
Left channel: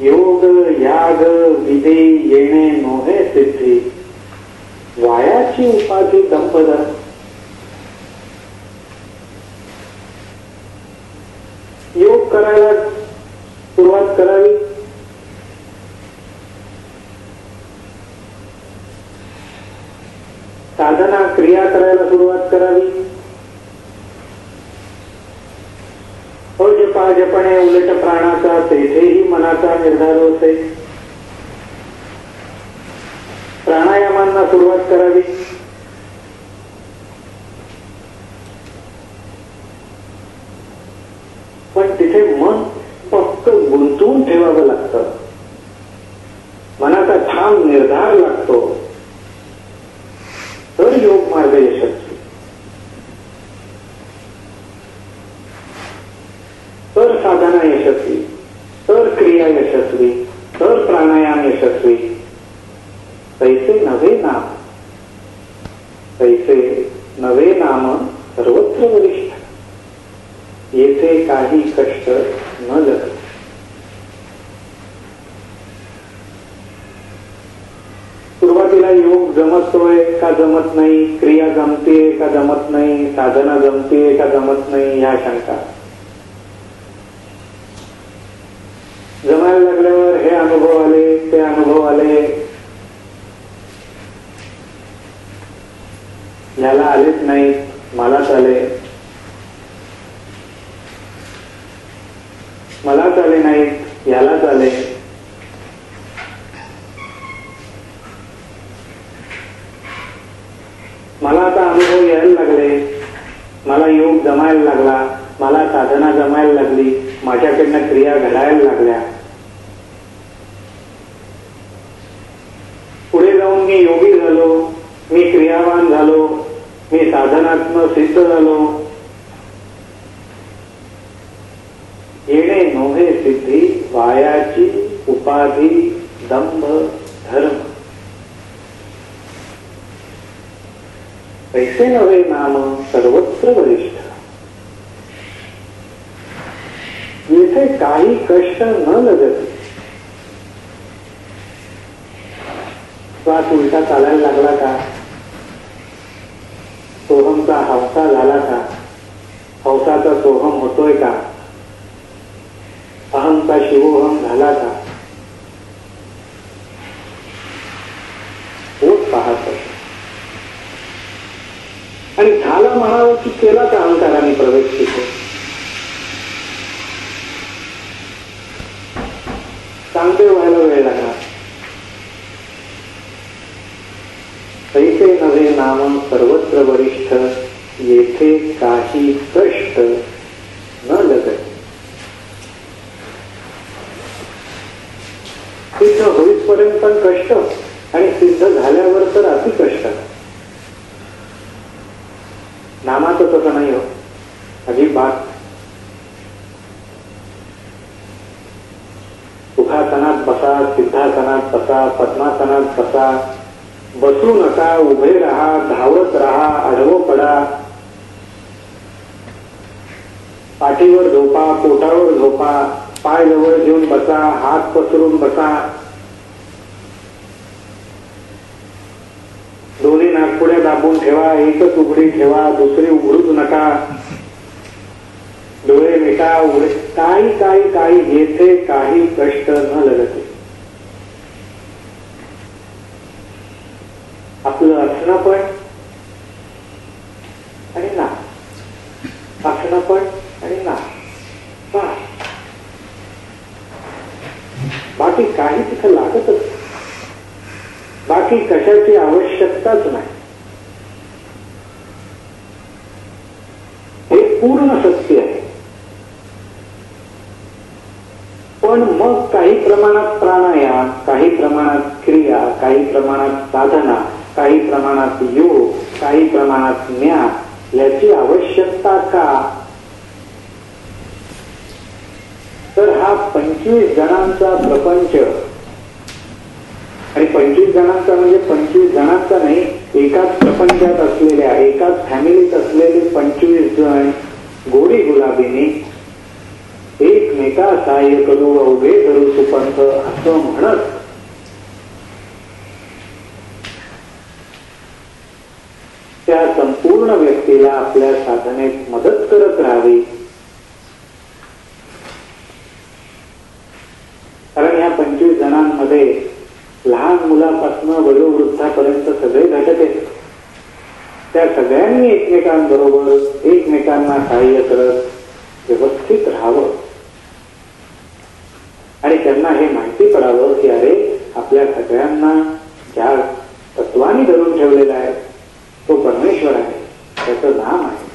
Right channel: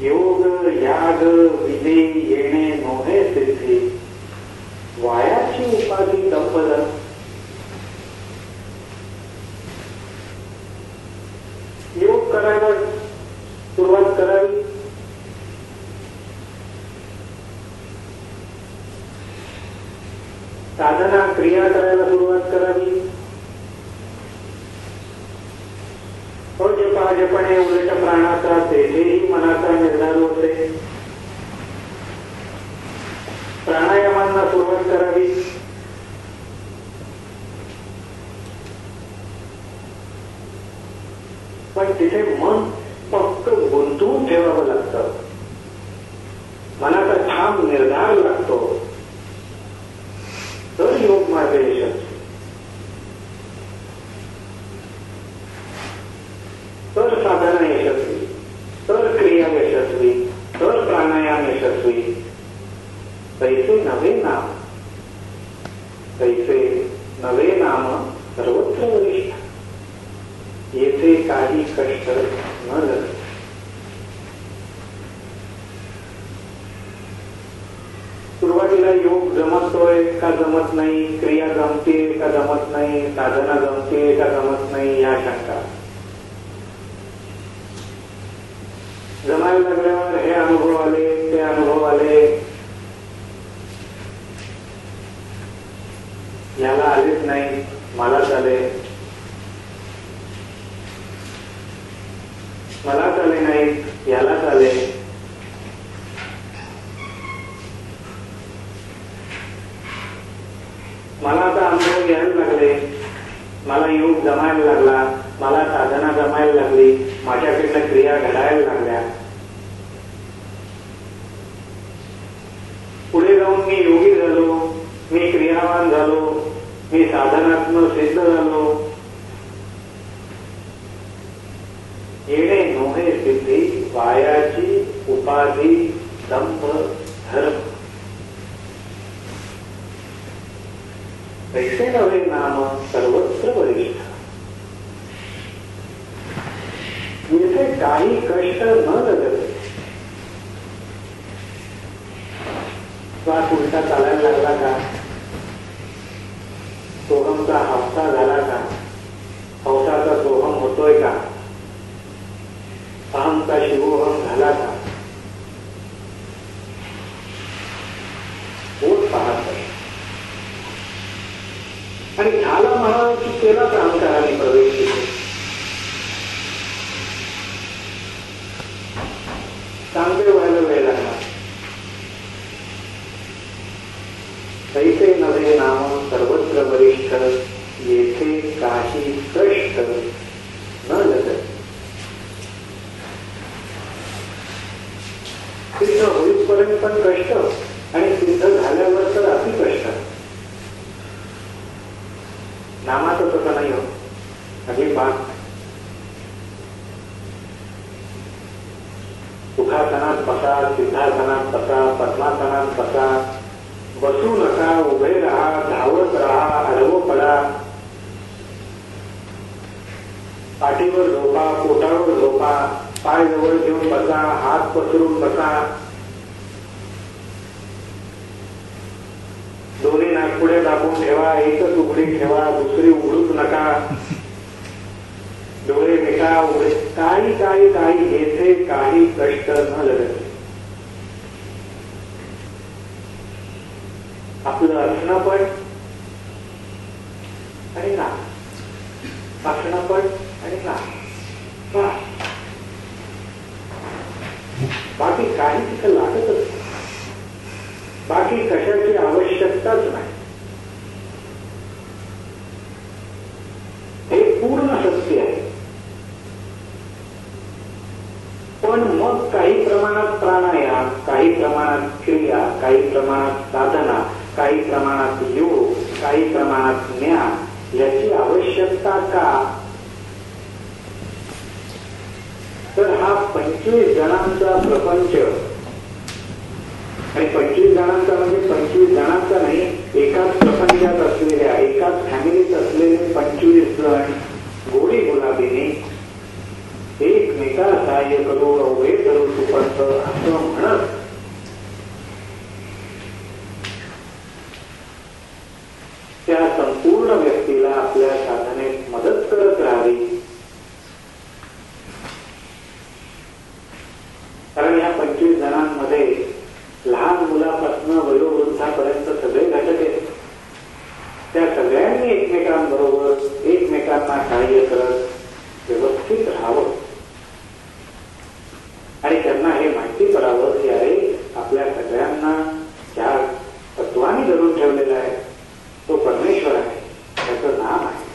योग याग विधी येणे नोहे सिद्धी, वायाची उपाधी दंपदर. योग करायला सुरुवात करावी, साधना क्रिया करायला सुरुवात करावी. जपणे उलट प्राणाचा तेथेही मनाचा निर्धार होते. प्राणायामांना सुरुवात करावी. ठाम निर्धार लागतो तर योग मार्ग यशस्वी, तर साधना यशस्वी, तर क्रिया यशस्वी, तर प्राणायाम यशस्वी. तैसे नवे नाम, तैसे नवे नाम सर्वत्र वरिष्ठ, येथे काही कष्ट न लगत. सुरुवातीला योग जमतोय का जमत नाही, क्रिया जमतेय का जमत नाही, साधना जमतेय का जमत नाही, ह्या शंका. जमायला लागल्यावर हे अनुभव आले, ते अनुभव आले, याला आलेच नाही, मलाच आले, मलाच आले नाहीत, यालाच आले. मला आता अनुभव यायला लागले, मला योग जमायला लागला, मला साधना जमायला लागली, माझ्याकडनं क्रिया घडायला लागल्या. पुढे जाऊन मी योगी झालो, मी क्रियावान झालो, मी साधनात्मक सिद्ध झालो. येणे नोहे सिद्धी, वायाची उपाधी, दंभ, धर्म. ऐसे नवे नाम सर्वत्र वरिष्ठ, येथे काही कष्ट न लगत. श्वास उलटा चालायला लागला का, सोहमचा हौसा झाला का, हौसाचा सोहम होतोय का, अहमचा शिवोहम झाला का, होत पाहत. आणि झाला म्हणावं की केलाच अहंकाराने प्रवेश तिथे. चांगले व्हायला वेळ लागणार. तैसे नवे नाम सर्वत्र वरिष्ठ, येथे काही कष्ट न लगत. सिद्ध होईपर्यंत पण कष्ट आणि सिद्ध झाल्यावर तर अति कष्ट. नामाचं तसं नाही हो, अजिबात. सुखासनात बसा, सिद्धासनात बसा, पद्मासनात बसा, बसू नका, उभे राहा, धावत राहा, आडवं पडा, पाठीवर झोपा, पोटावर झोपा, पाय जवळ घेऊन बसा, हात पसरून बसा, दोन्ही नागपुड्या दाबून ठेवा, एकच उघडी ठेवा, दुसरी उघडूच नका, डोळे मिटा, उघडे, काही काही काही, येथे काही कष्ट न लगते. आपलं असणं पण आणि ना, असणं पण आणि ना, बाकी काही तिथं लागतच, बाकी कशाची आवश्यकताच नाही. हे पूर्ण सत्य आहे. पण मग काही प्रमाणात प्राणायाम, काही प्रमाणात क्रिया, काही प्रमाणात साधना, काही प्रमाणात योग, काही प्रमाणात ज्ञान याची आवश्यकता का? तर हा 25 जणांचा प्रपंच, आणि 25 जणांचा म्हणजे 25 जणांचा नाही, एकाच प्रपंचात असलेल्या, एकाच फॅमिलीत असलेले 25 जण गोडी गुलाबीने एकमेका सहाय्य करू, अवघे धरू सुपंथ असं म्हणत त्या संपूर्ण व्यक्तीला आपल्या साधनेत मदत करत राहावी. कारण या 25 जणांमध्ये लहान मुलापासून वयोवृद्धापर्यंत सगळे घटक आहेत. त्या सगळ्यांनी एकमेकांबरोबर एकमेकांना सहाय्य करत व्यवस्थित राहावं आणि त्यांना हे माहिती पडावं की अरे आपल्या सगळ्यांना ज्या तत्वानी धरून ठेवलेला आहे तो परमेश्वर आहे, त्याचं नाम आहे,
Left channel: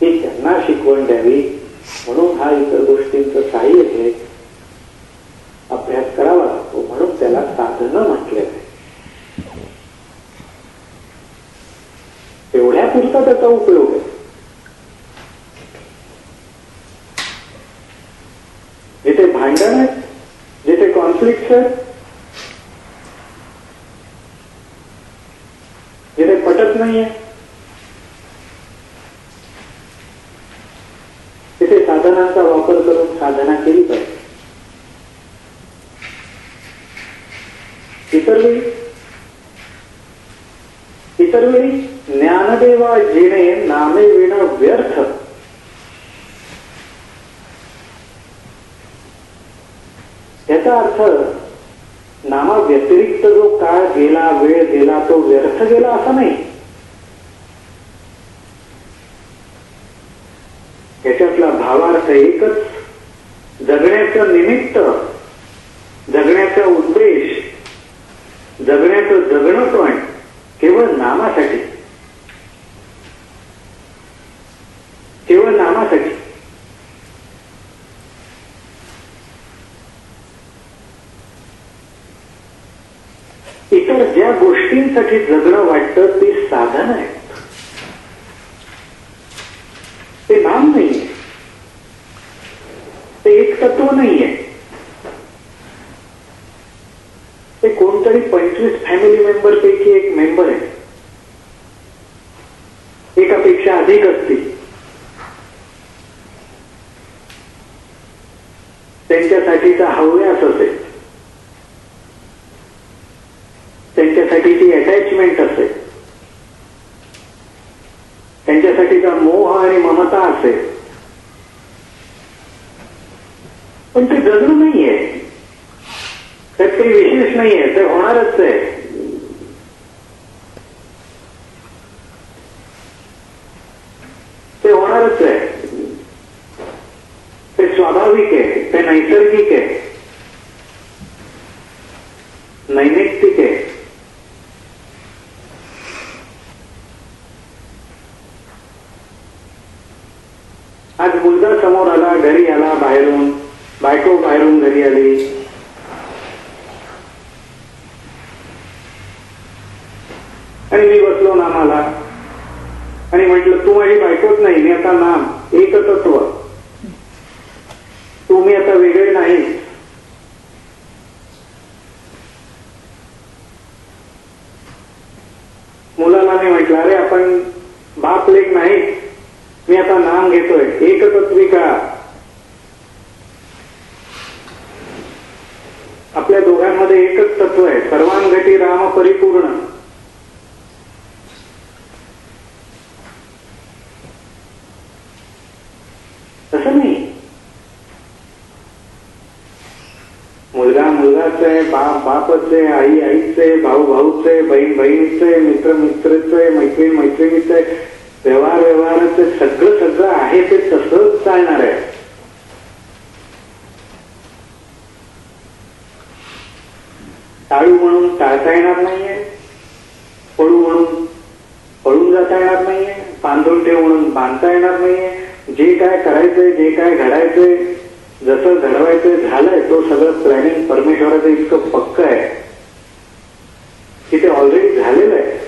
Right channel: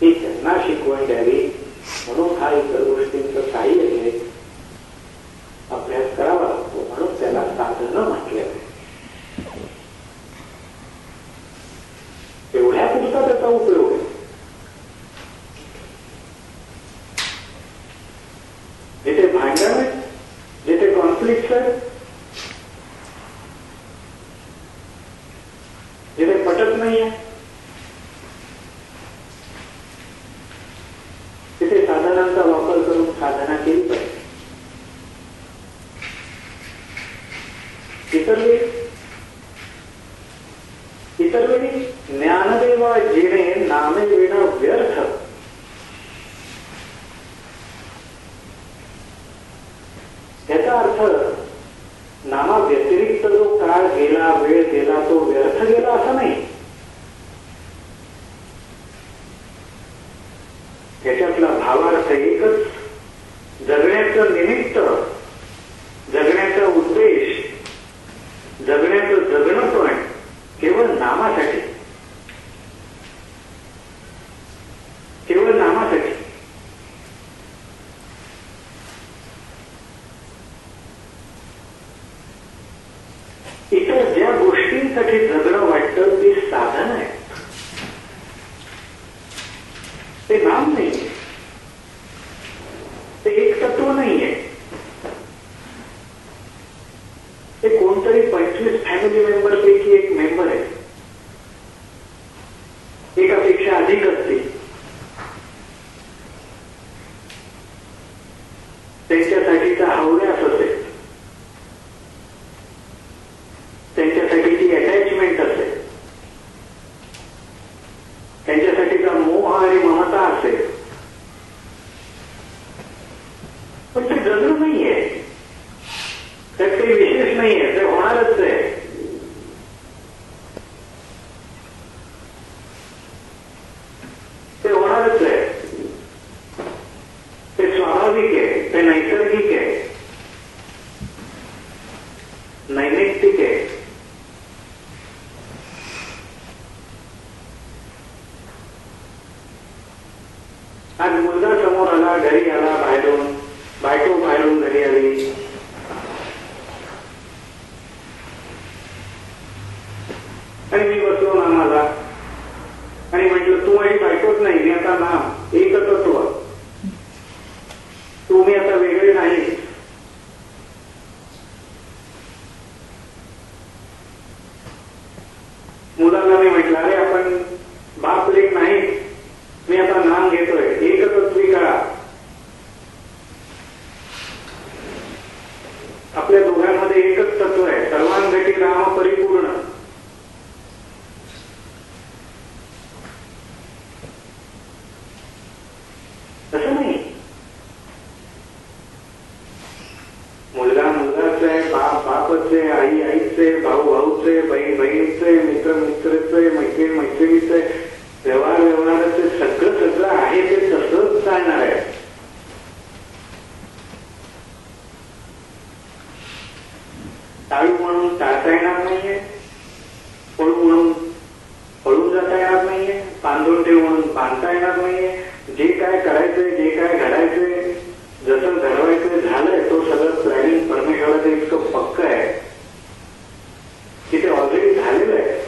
ही त्यांना शिकवण द्यावी. म्हणून हा इतर गोष्टींचं सहाय्य घेत अभ्यास करावा लागतो. म्हणून त्याला साधनं म्हटलेलं आहे. एवढ्यापुरता त्याचा उपयोग आहे. जिथे भांडण आहेत, जिथे कॉन्फ्लिक्ट आहेत, जिथे पटत नाहीये, तिथे साधनांचा वापर करून साधना केली पाहिजे. इतर वेळी ज्ञानदेवा जिणे नामे विण व्यर्थ. याचा अर्थ नामा व्यतिरिक्त जो काळ गेला, वेळ गेला, तो व्यर्थ गेला असा नाही. याच्यातला भावार्थ एकच. जगण्याचं निमित्त, जगण्याचा उद्देश, जगण्याचं जगणं पण केवळ नामासाठी, केवळ नामासाठी. इतर ज्या गोष्टींसाठी जगणं वाटतं ती साधन आहे, ते नाम नाहीये, ते एक तत्व नाहीये. ते कोणतरी 25 फॅमिली मेंबर पैकी एक मेंबर आहे, एकापेक्षा अधिक असतील. त्यांच्यासाठीचा हव्यास असेल, त्यांच्यासाठी ती अटॅचमेंट असेल, त्यांच्यासाठीचा मोह आणि ममता असेल, पण ते जगणं नाहीये, त्यात काही विशेष नाहीये, ते होणारच आहे. ते होणारच आहे, ते स्वाभाविक आहे, ते नैसर्गिक आहे, नैमित्तिक आहे. आज मुलगा समोर आला, घरी आला बाहेरून, बायको बाहेरून घरी आली, आणि मी बसलो नामाला आणि म्हटलं तू माझी बायकोच नाही, मी आता नाम, एक तत्व, तू मी आता वेगळे नाही. मुलाला मी म्हटलं अरे आपण बाप लेक नाही, मी आता नाम घेतोय, एकतत्विका. आपल्या दोघांमध्ये एकच तत्व आहे, सर्वांगती राम परिपूर्ण. तसं नाही. मुलगा मुलगाच आहे, बाप बापच आहे, आई आईच आहे, भाऊ भाऊच आहे, बहीण बहिणीच आहे, मित्र मित्रच आहे, मैत्रीण मैत्रिणीच आहे, व्यवहार व्यवहाराचं सगळं सगळं आहे ते तसंच चालणार आहे. टाळू म्हणून टाळता येणार नाहीये, पळू म्हणून पळून जाता येणार नाहीये, बांधून ठेव म्हणून बांधता येणार नाहीये. जे काय करायचंय, जे काय घडायचंय, जसं घडवायचंय झालंय, तो सगळं प्लॅनिंग परमेश्वराचं इतकं पक्क आहे की ते ऑलरेडी झालेलं आहे.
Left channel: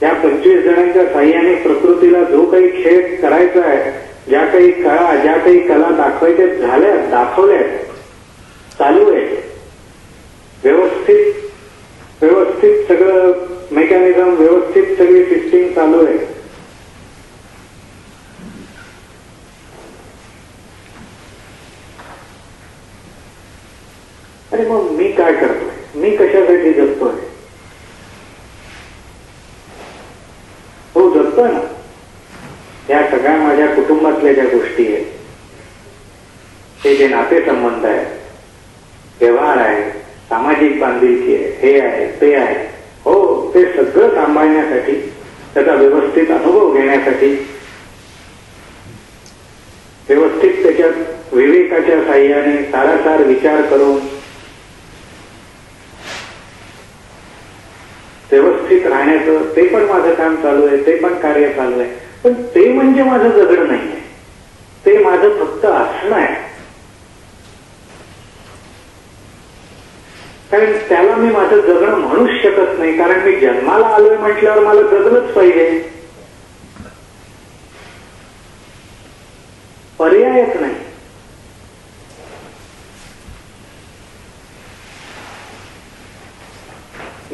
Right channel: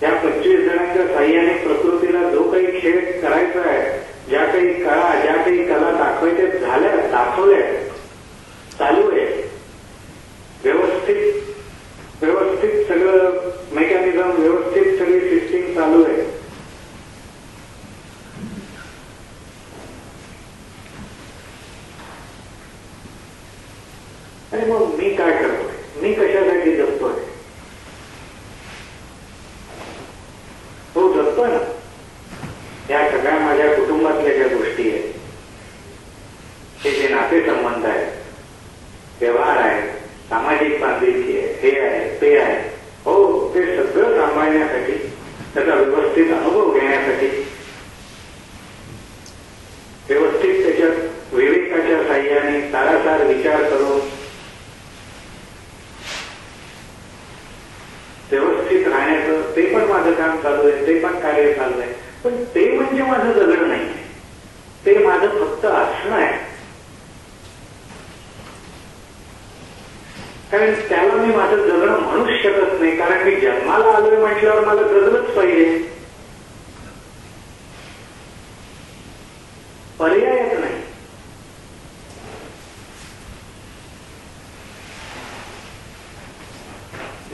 त्या 25 जणांच्या साह्याने प्रकृतीला जो काही खेळ करायचा आहे, ज्या काही कळा, ज्या काही कला दाखवायच्या झाल्या, दाखवल्या, चालू आहे. व्यवस्थित व्यवस्थित सगळं मेकॅनिझम, व्यवस्थित सगळी सिस्टीम चालू आहे. अरे मग मी काय करतोय, मी कशासाठी जगतोय? हो जगतोय ना. या सगळ्या माझ्या कुटुंबातल्या ज्या गोष्टी आहेत, ते जे नातेसंबंध आहेत, व्यवहार आहे, सामाजिक बांधिलकी आहे, हे आहे ते आहे, हो ते सगळं सांभाळण्यासाठी, त्याचा व्यवस्थित अनुभव घेण्यासाठी, व्यवस्थित त्याच्यात विवेकाच्या साह्याने सारासार विचार करून व्यवस्थित राहण्याचं ते पण माझं काम चालू आहे, ते पण कार्य चालू आहे. पण ते म्हणजे माझं जगणं नाही आहे. ते माझं फक्त असणं आहे. कारण त्याला मी माझं जगणं म्हणूच शकत नाही. कारण मी जन्माला आलोय म्हटल्यावर मला जगलंच पाहिजे, पर्यायच नाही.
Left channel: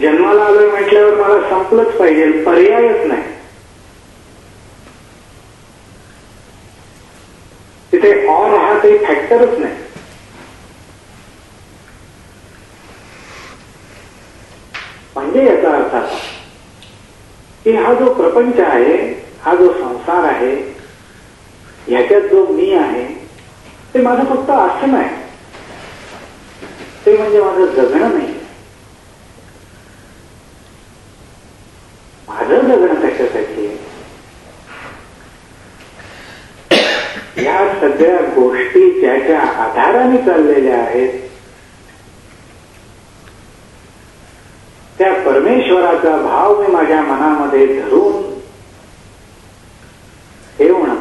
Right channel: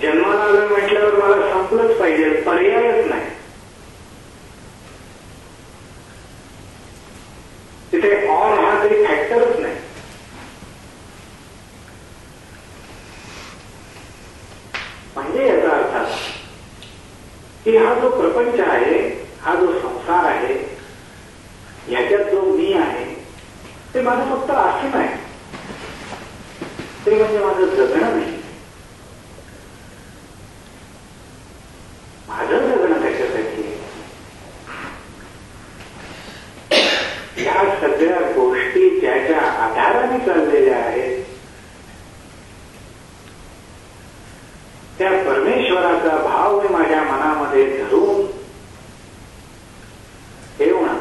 जन्माला आलोय म्हटल्यावर मला संपलंच पाहिजे, पर्यायच नाही. तिथे और हा काही फॅक्टरच नाही. म्हणजे याचा अर्थ असा की हा जो प्रपंच आहे, हा जो संसार आहे, ह्याच्यात जो मी आहे ते माझं फक्त असणं आहे. ते म्हणजे माझं जगणं नाही. माझं जगणं कशासाठी? या सगळ्या गोष्टी ज्याच्या आधाराने चाललेल्या आहेत त्या परमेश्वराचा भाव मी माझ्या मनामध्ये धरून ठेवणं,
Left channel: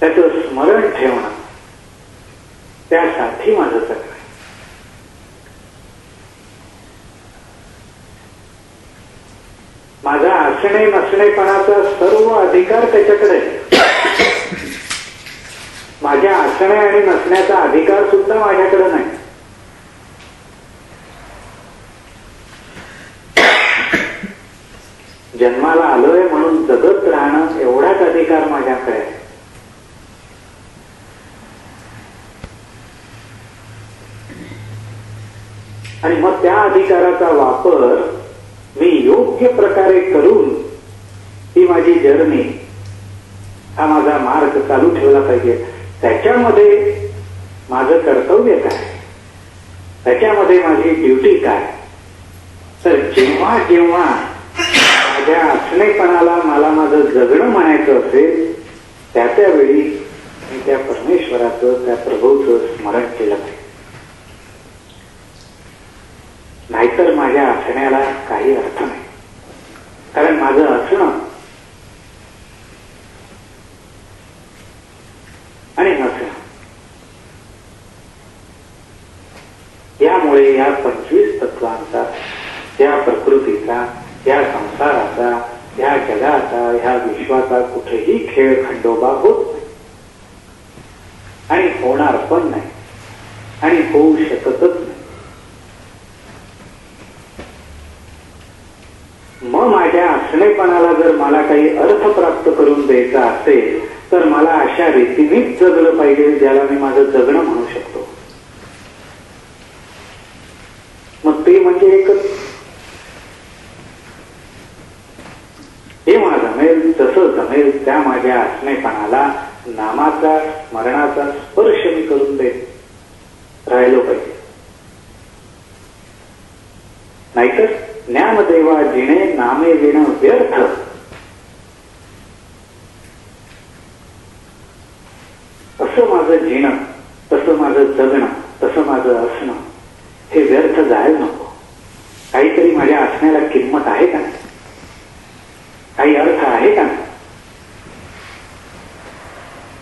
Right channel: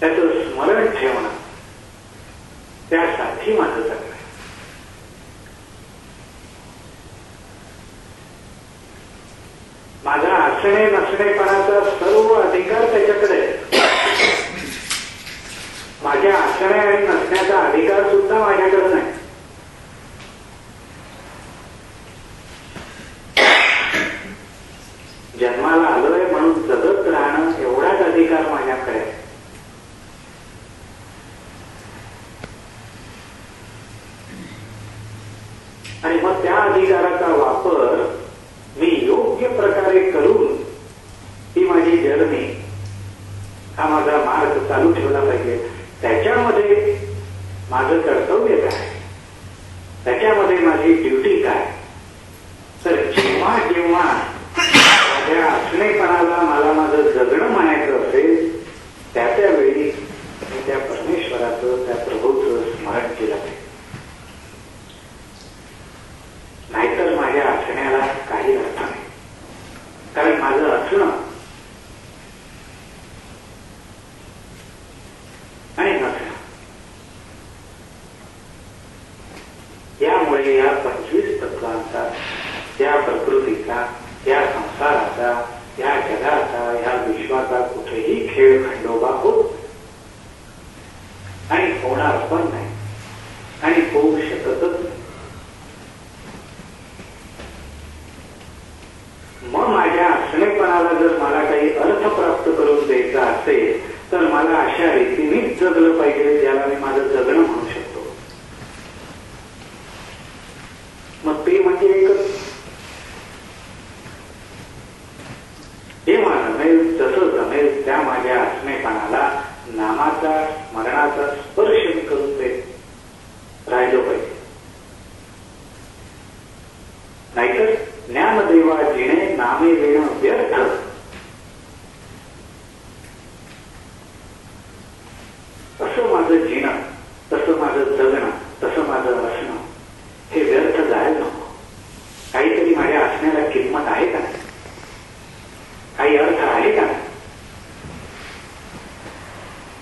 त्याचं स्मरण ठेवणं, त्यासाठी माझं जगणं आहे. माझा असणे नसणेपणाचा सर्व अधिकार त्याच्याकडे आहे. माझ्या असणे आणि नसण्याचा अधिकार सुद्धा माझ्याकडे नाही. जन्माला आलोय म्हणून जगत राहणं एवढाच अधिकार माझ्याकडे आहे. आणि मग त्या अधिकाराचा वापर मी योग्य प्रकारे करून ही माझी जर्नी, हा माझा मार्ग चालू ठेवला पाहिजे. त्याच्यामध्ये माझं कर्तव्य काय, त्याच्यामध्ये माझी ड्युटी काय. तर जेव्हा जेव्हा माझ्या असणेपणाला मला माझं जगणं म्हणायचं असेल त्यावेळी मी त्या परमेश्वराचं, त्या प्रभूचं स्मरण केलं पाहिजे. नाहीतर माझ्या असण्याला काही अर्थ नाही. कारण माझं असणं आणि नसणं यामुळे या 25 तत्वांचा, या प्रकृतीचा, या संसाराचा, या जगाचा, ह्या विश्वाचा कुठेही खेळ खंडोबा होत नाही आणि होणार पण नाही आणि होऊ शकतच नाही. मग माझ्या असणेपणाला जर मला काही अर्थ प्राप्त करून द्यायचा असेल तर मला अशा रीतीनेच जगलं पाहिजे ज्याला मी माझं जगणं म्हणू शकतो. मग ते म्हणजे एकच. जेव्हा जमेल जसं जमेल त्या माझ्या असणेपणाला नामाचा, स्मरणाचा स्पर्श मी करून देत राहिलो पाहिजे. नाहीतर ज्ञानदेवा जिणे नामे विण व्यर्थ, असं माझं जिणं, तसं माझं जगणं, तसं माझं असणं हे व्यर्थ जायला नको. काहीतरी माझ्या असण्याला किंमत आहे का, काही अर्थ आहे का?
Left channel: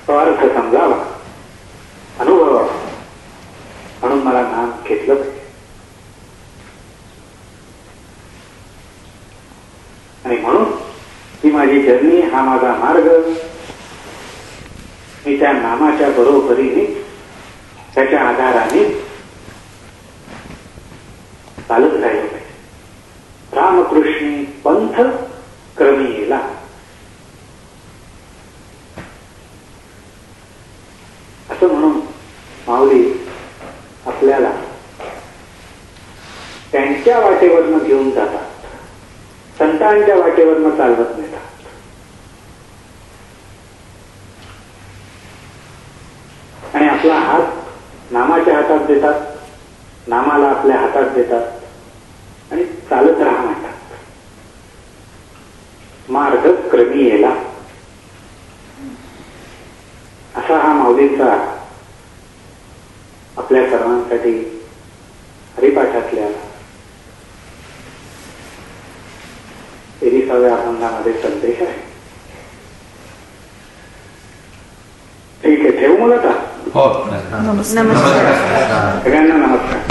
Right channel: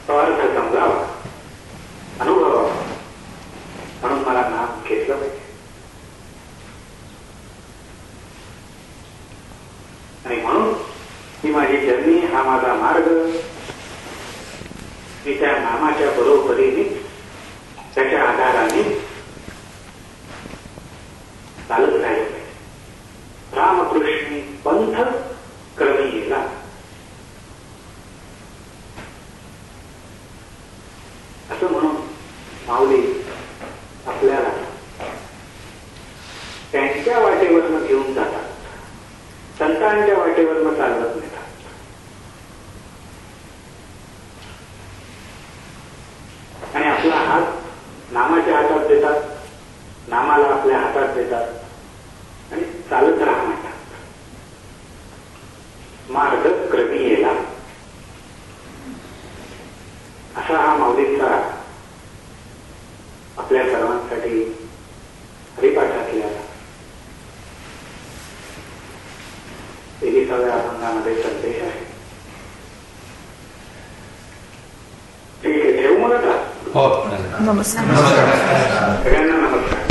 तो अर्थ समजावा, अनुभवावा, म्हणून मला नाम घेतलं पाहिजे. आणि म्हणून ही माझी जर्नी, हा माझा मार्ग मी त्या नामाच्या बरोबरीने, त्याच्या आधाराने चालत राहिलो पाहिजे. रामकृष्णी पंथ क्रमी येला. असं म्हणून माऊली आपल्याला त्यांच्या वाटेवरनं घेऊन जातात, संतांच्या वाटेवरनं चालवत नेतात. आणि आपला हात नामाच्या हातात देतात, नामाला आपल्या हातात देतात आणि चालत राहा म्हणतात. मार्ग क्रमी येला, असा हा माऊलींचा आपल्या सर्वांसाठी हरिपाठातल्या 23व्या अभंगामध्ये संदेश आहे. जमवलं का? हो नमस्कार. नमस्कार. सगळ्यांना नमस्कार.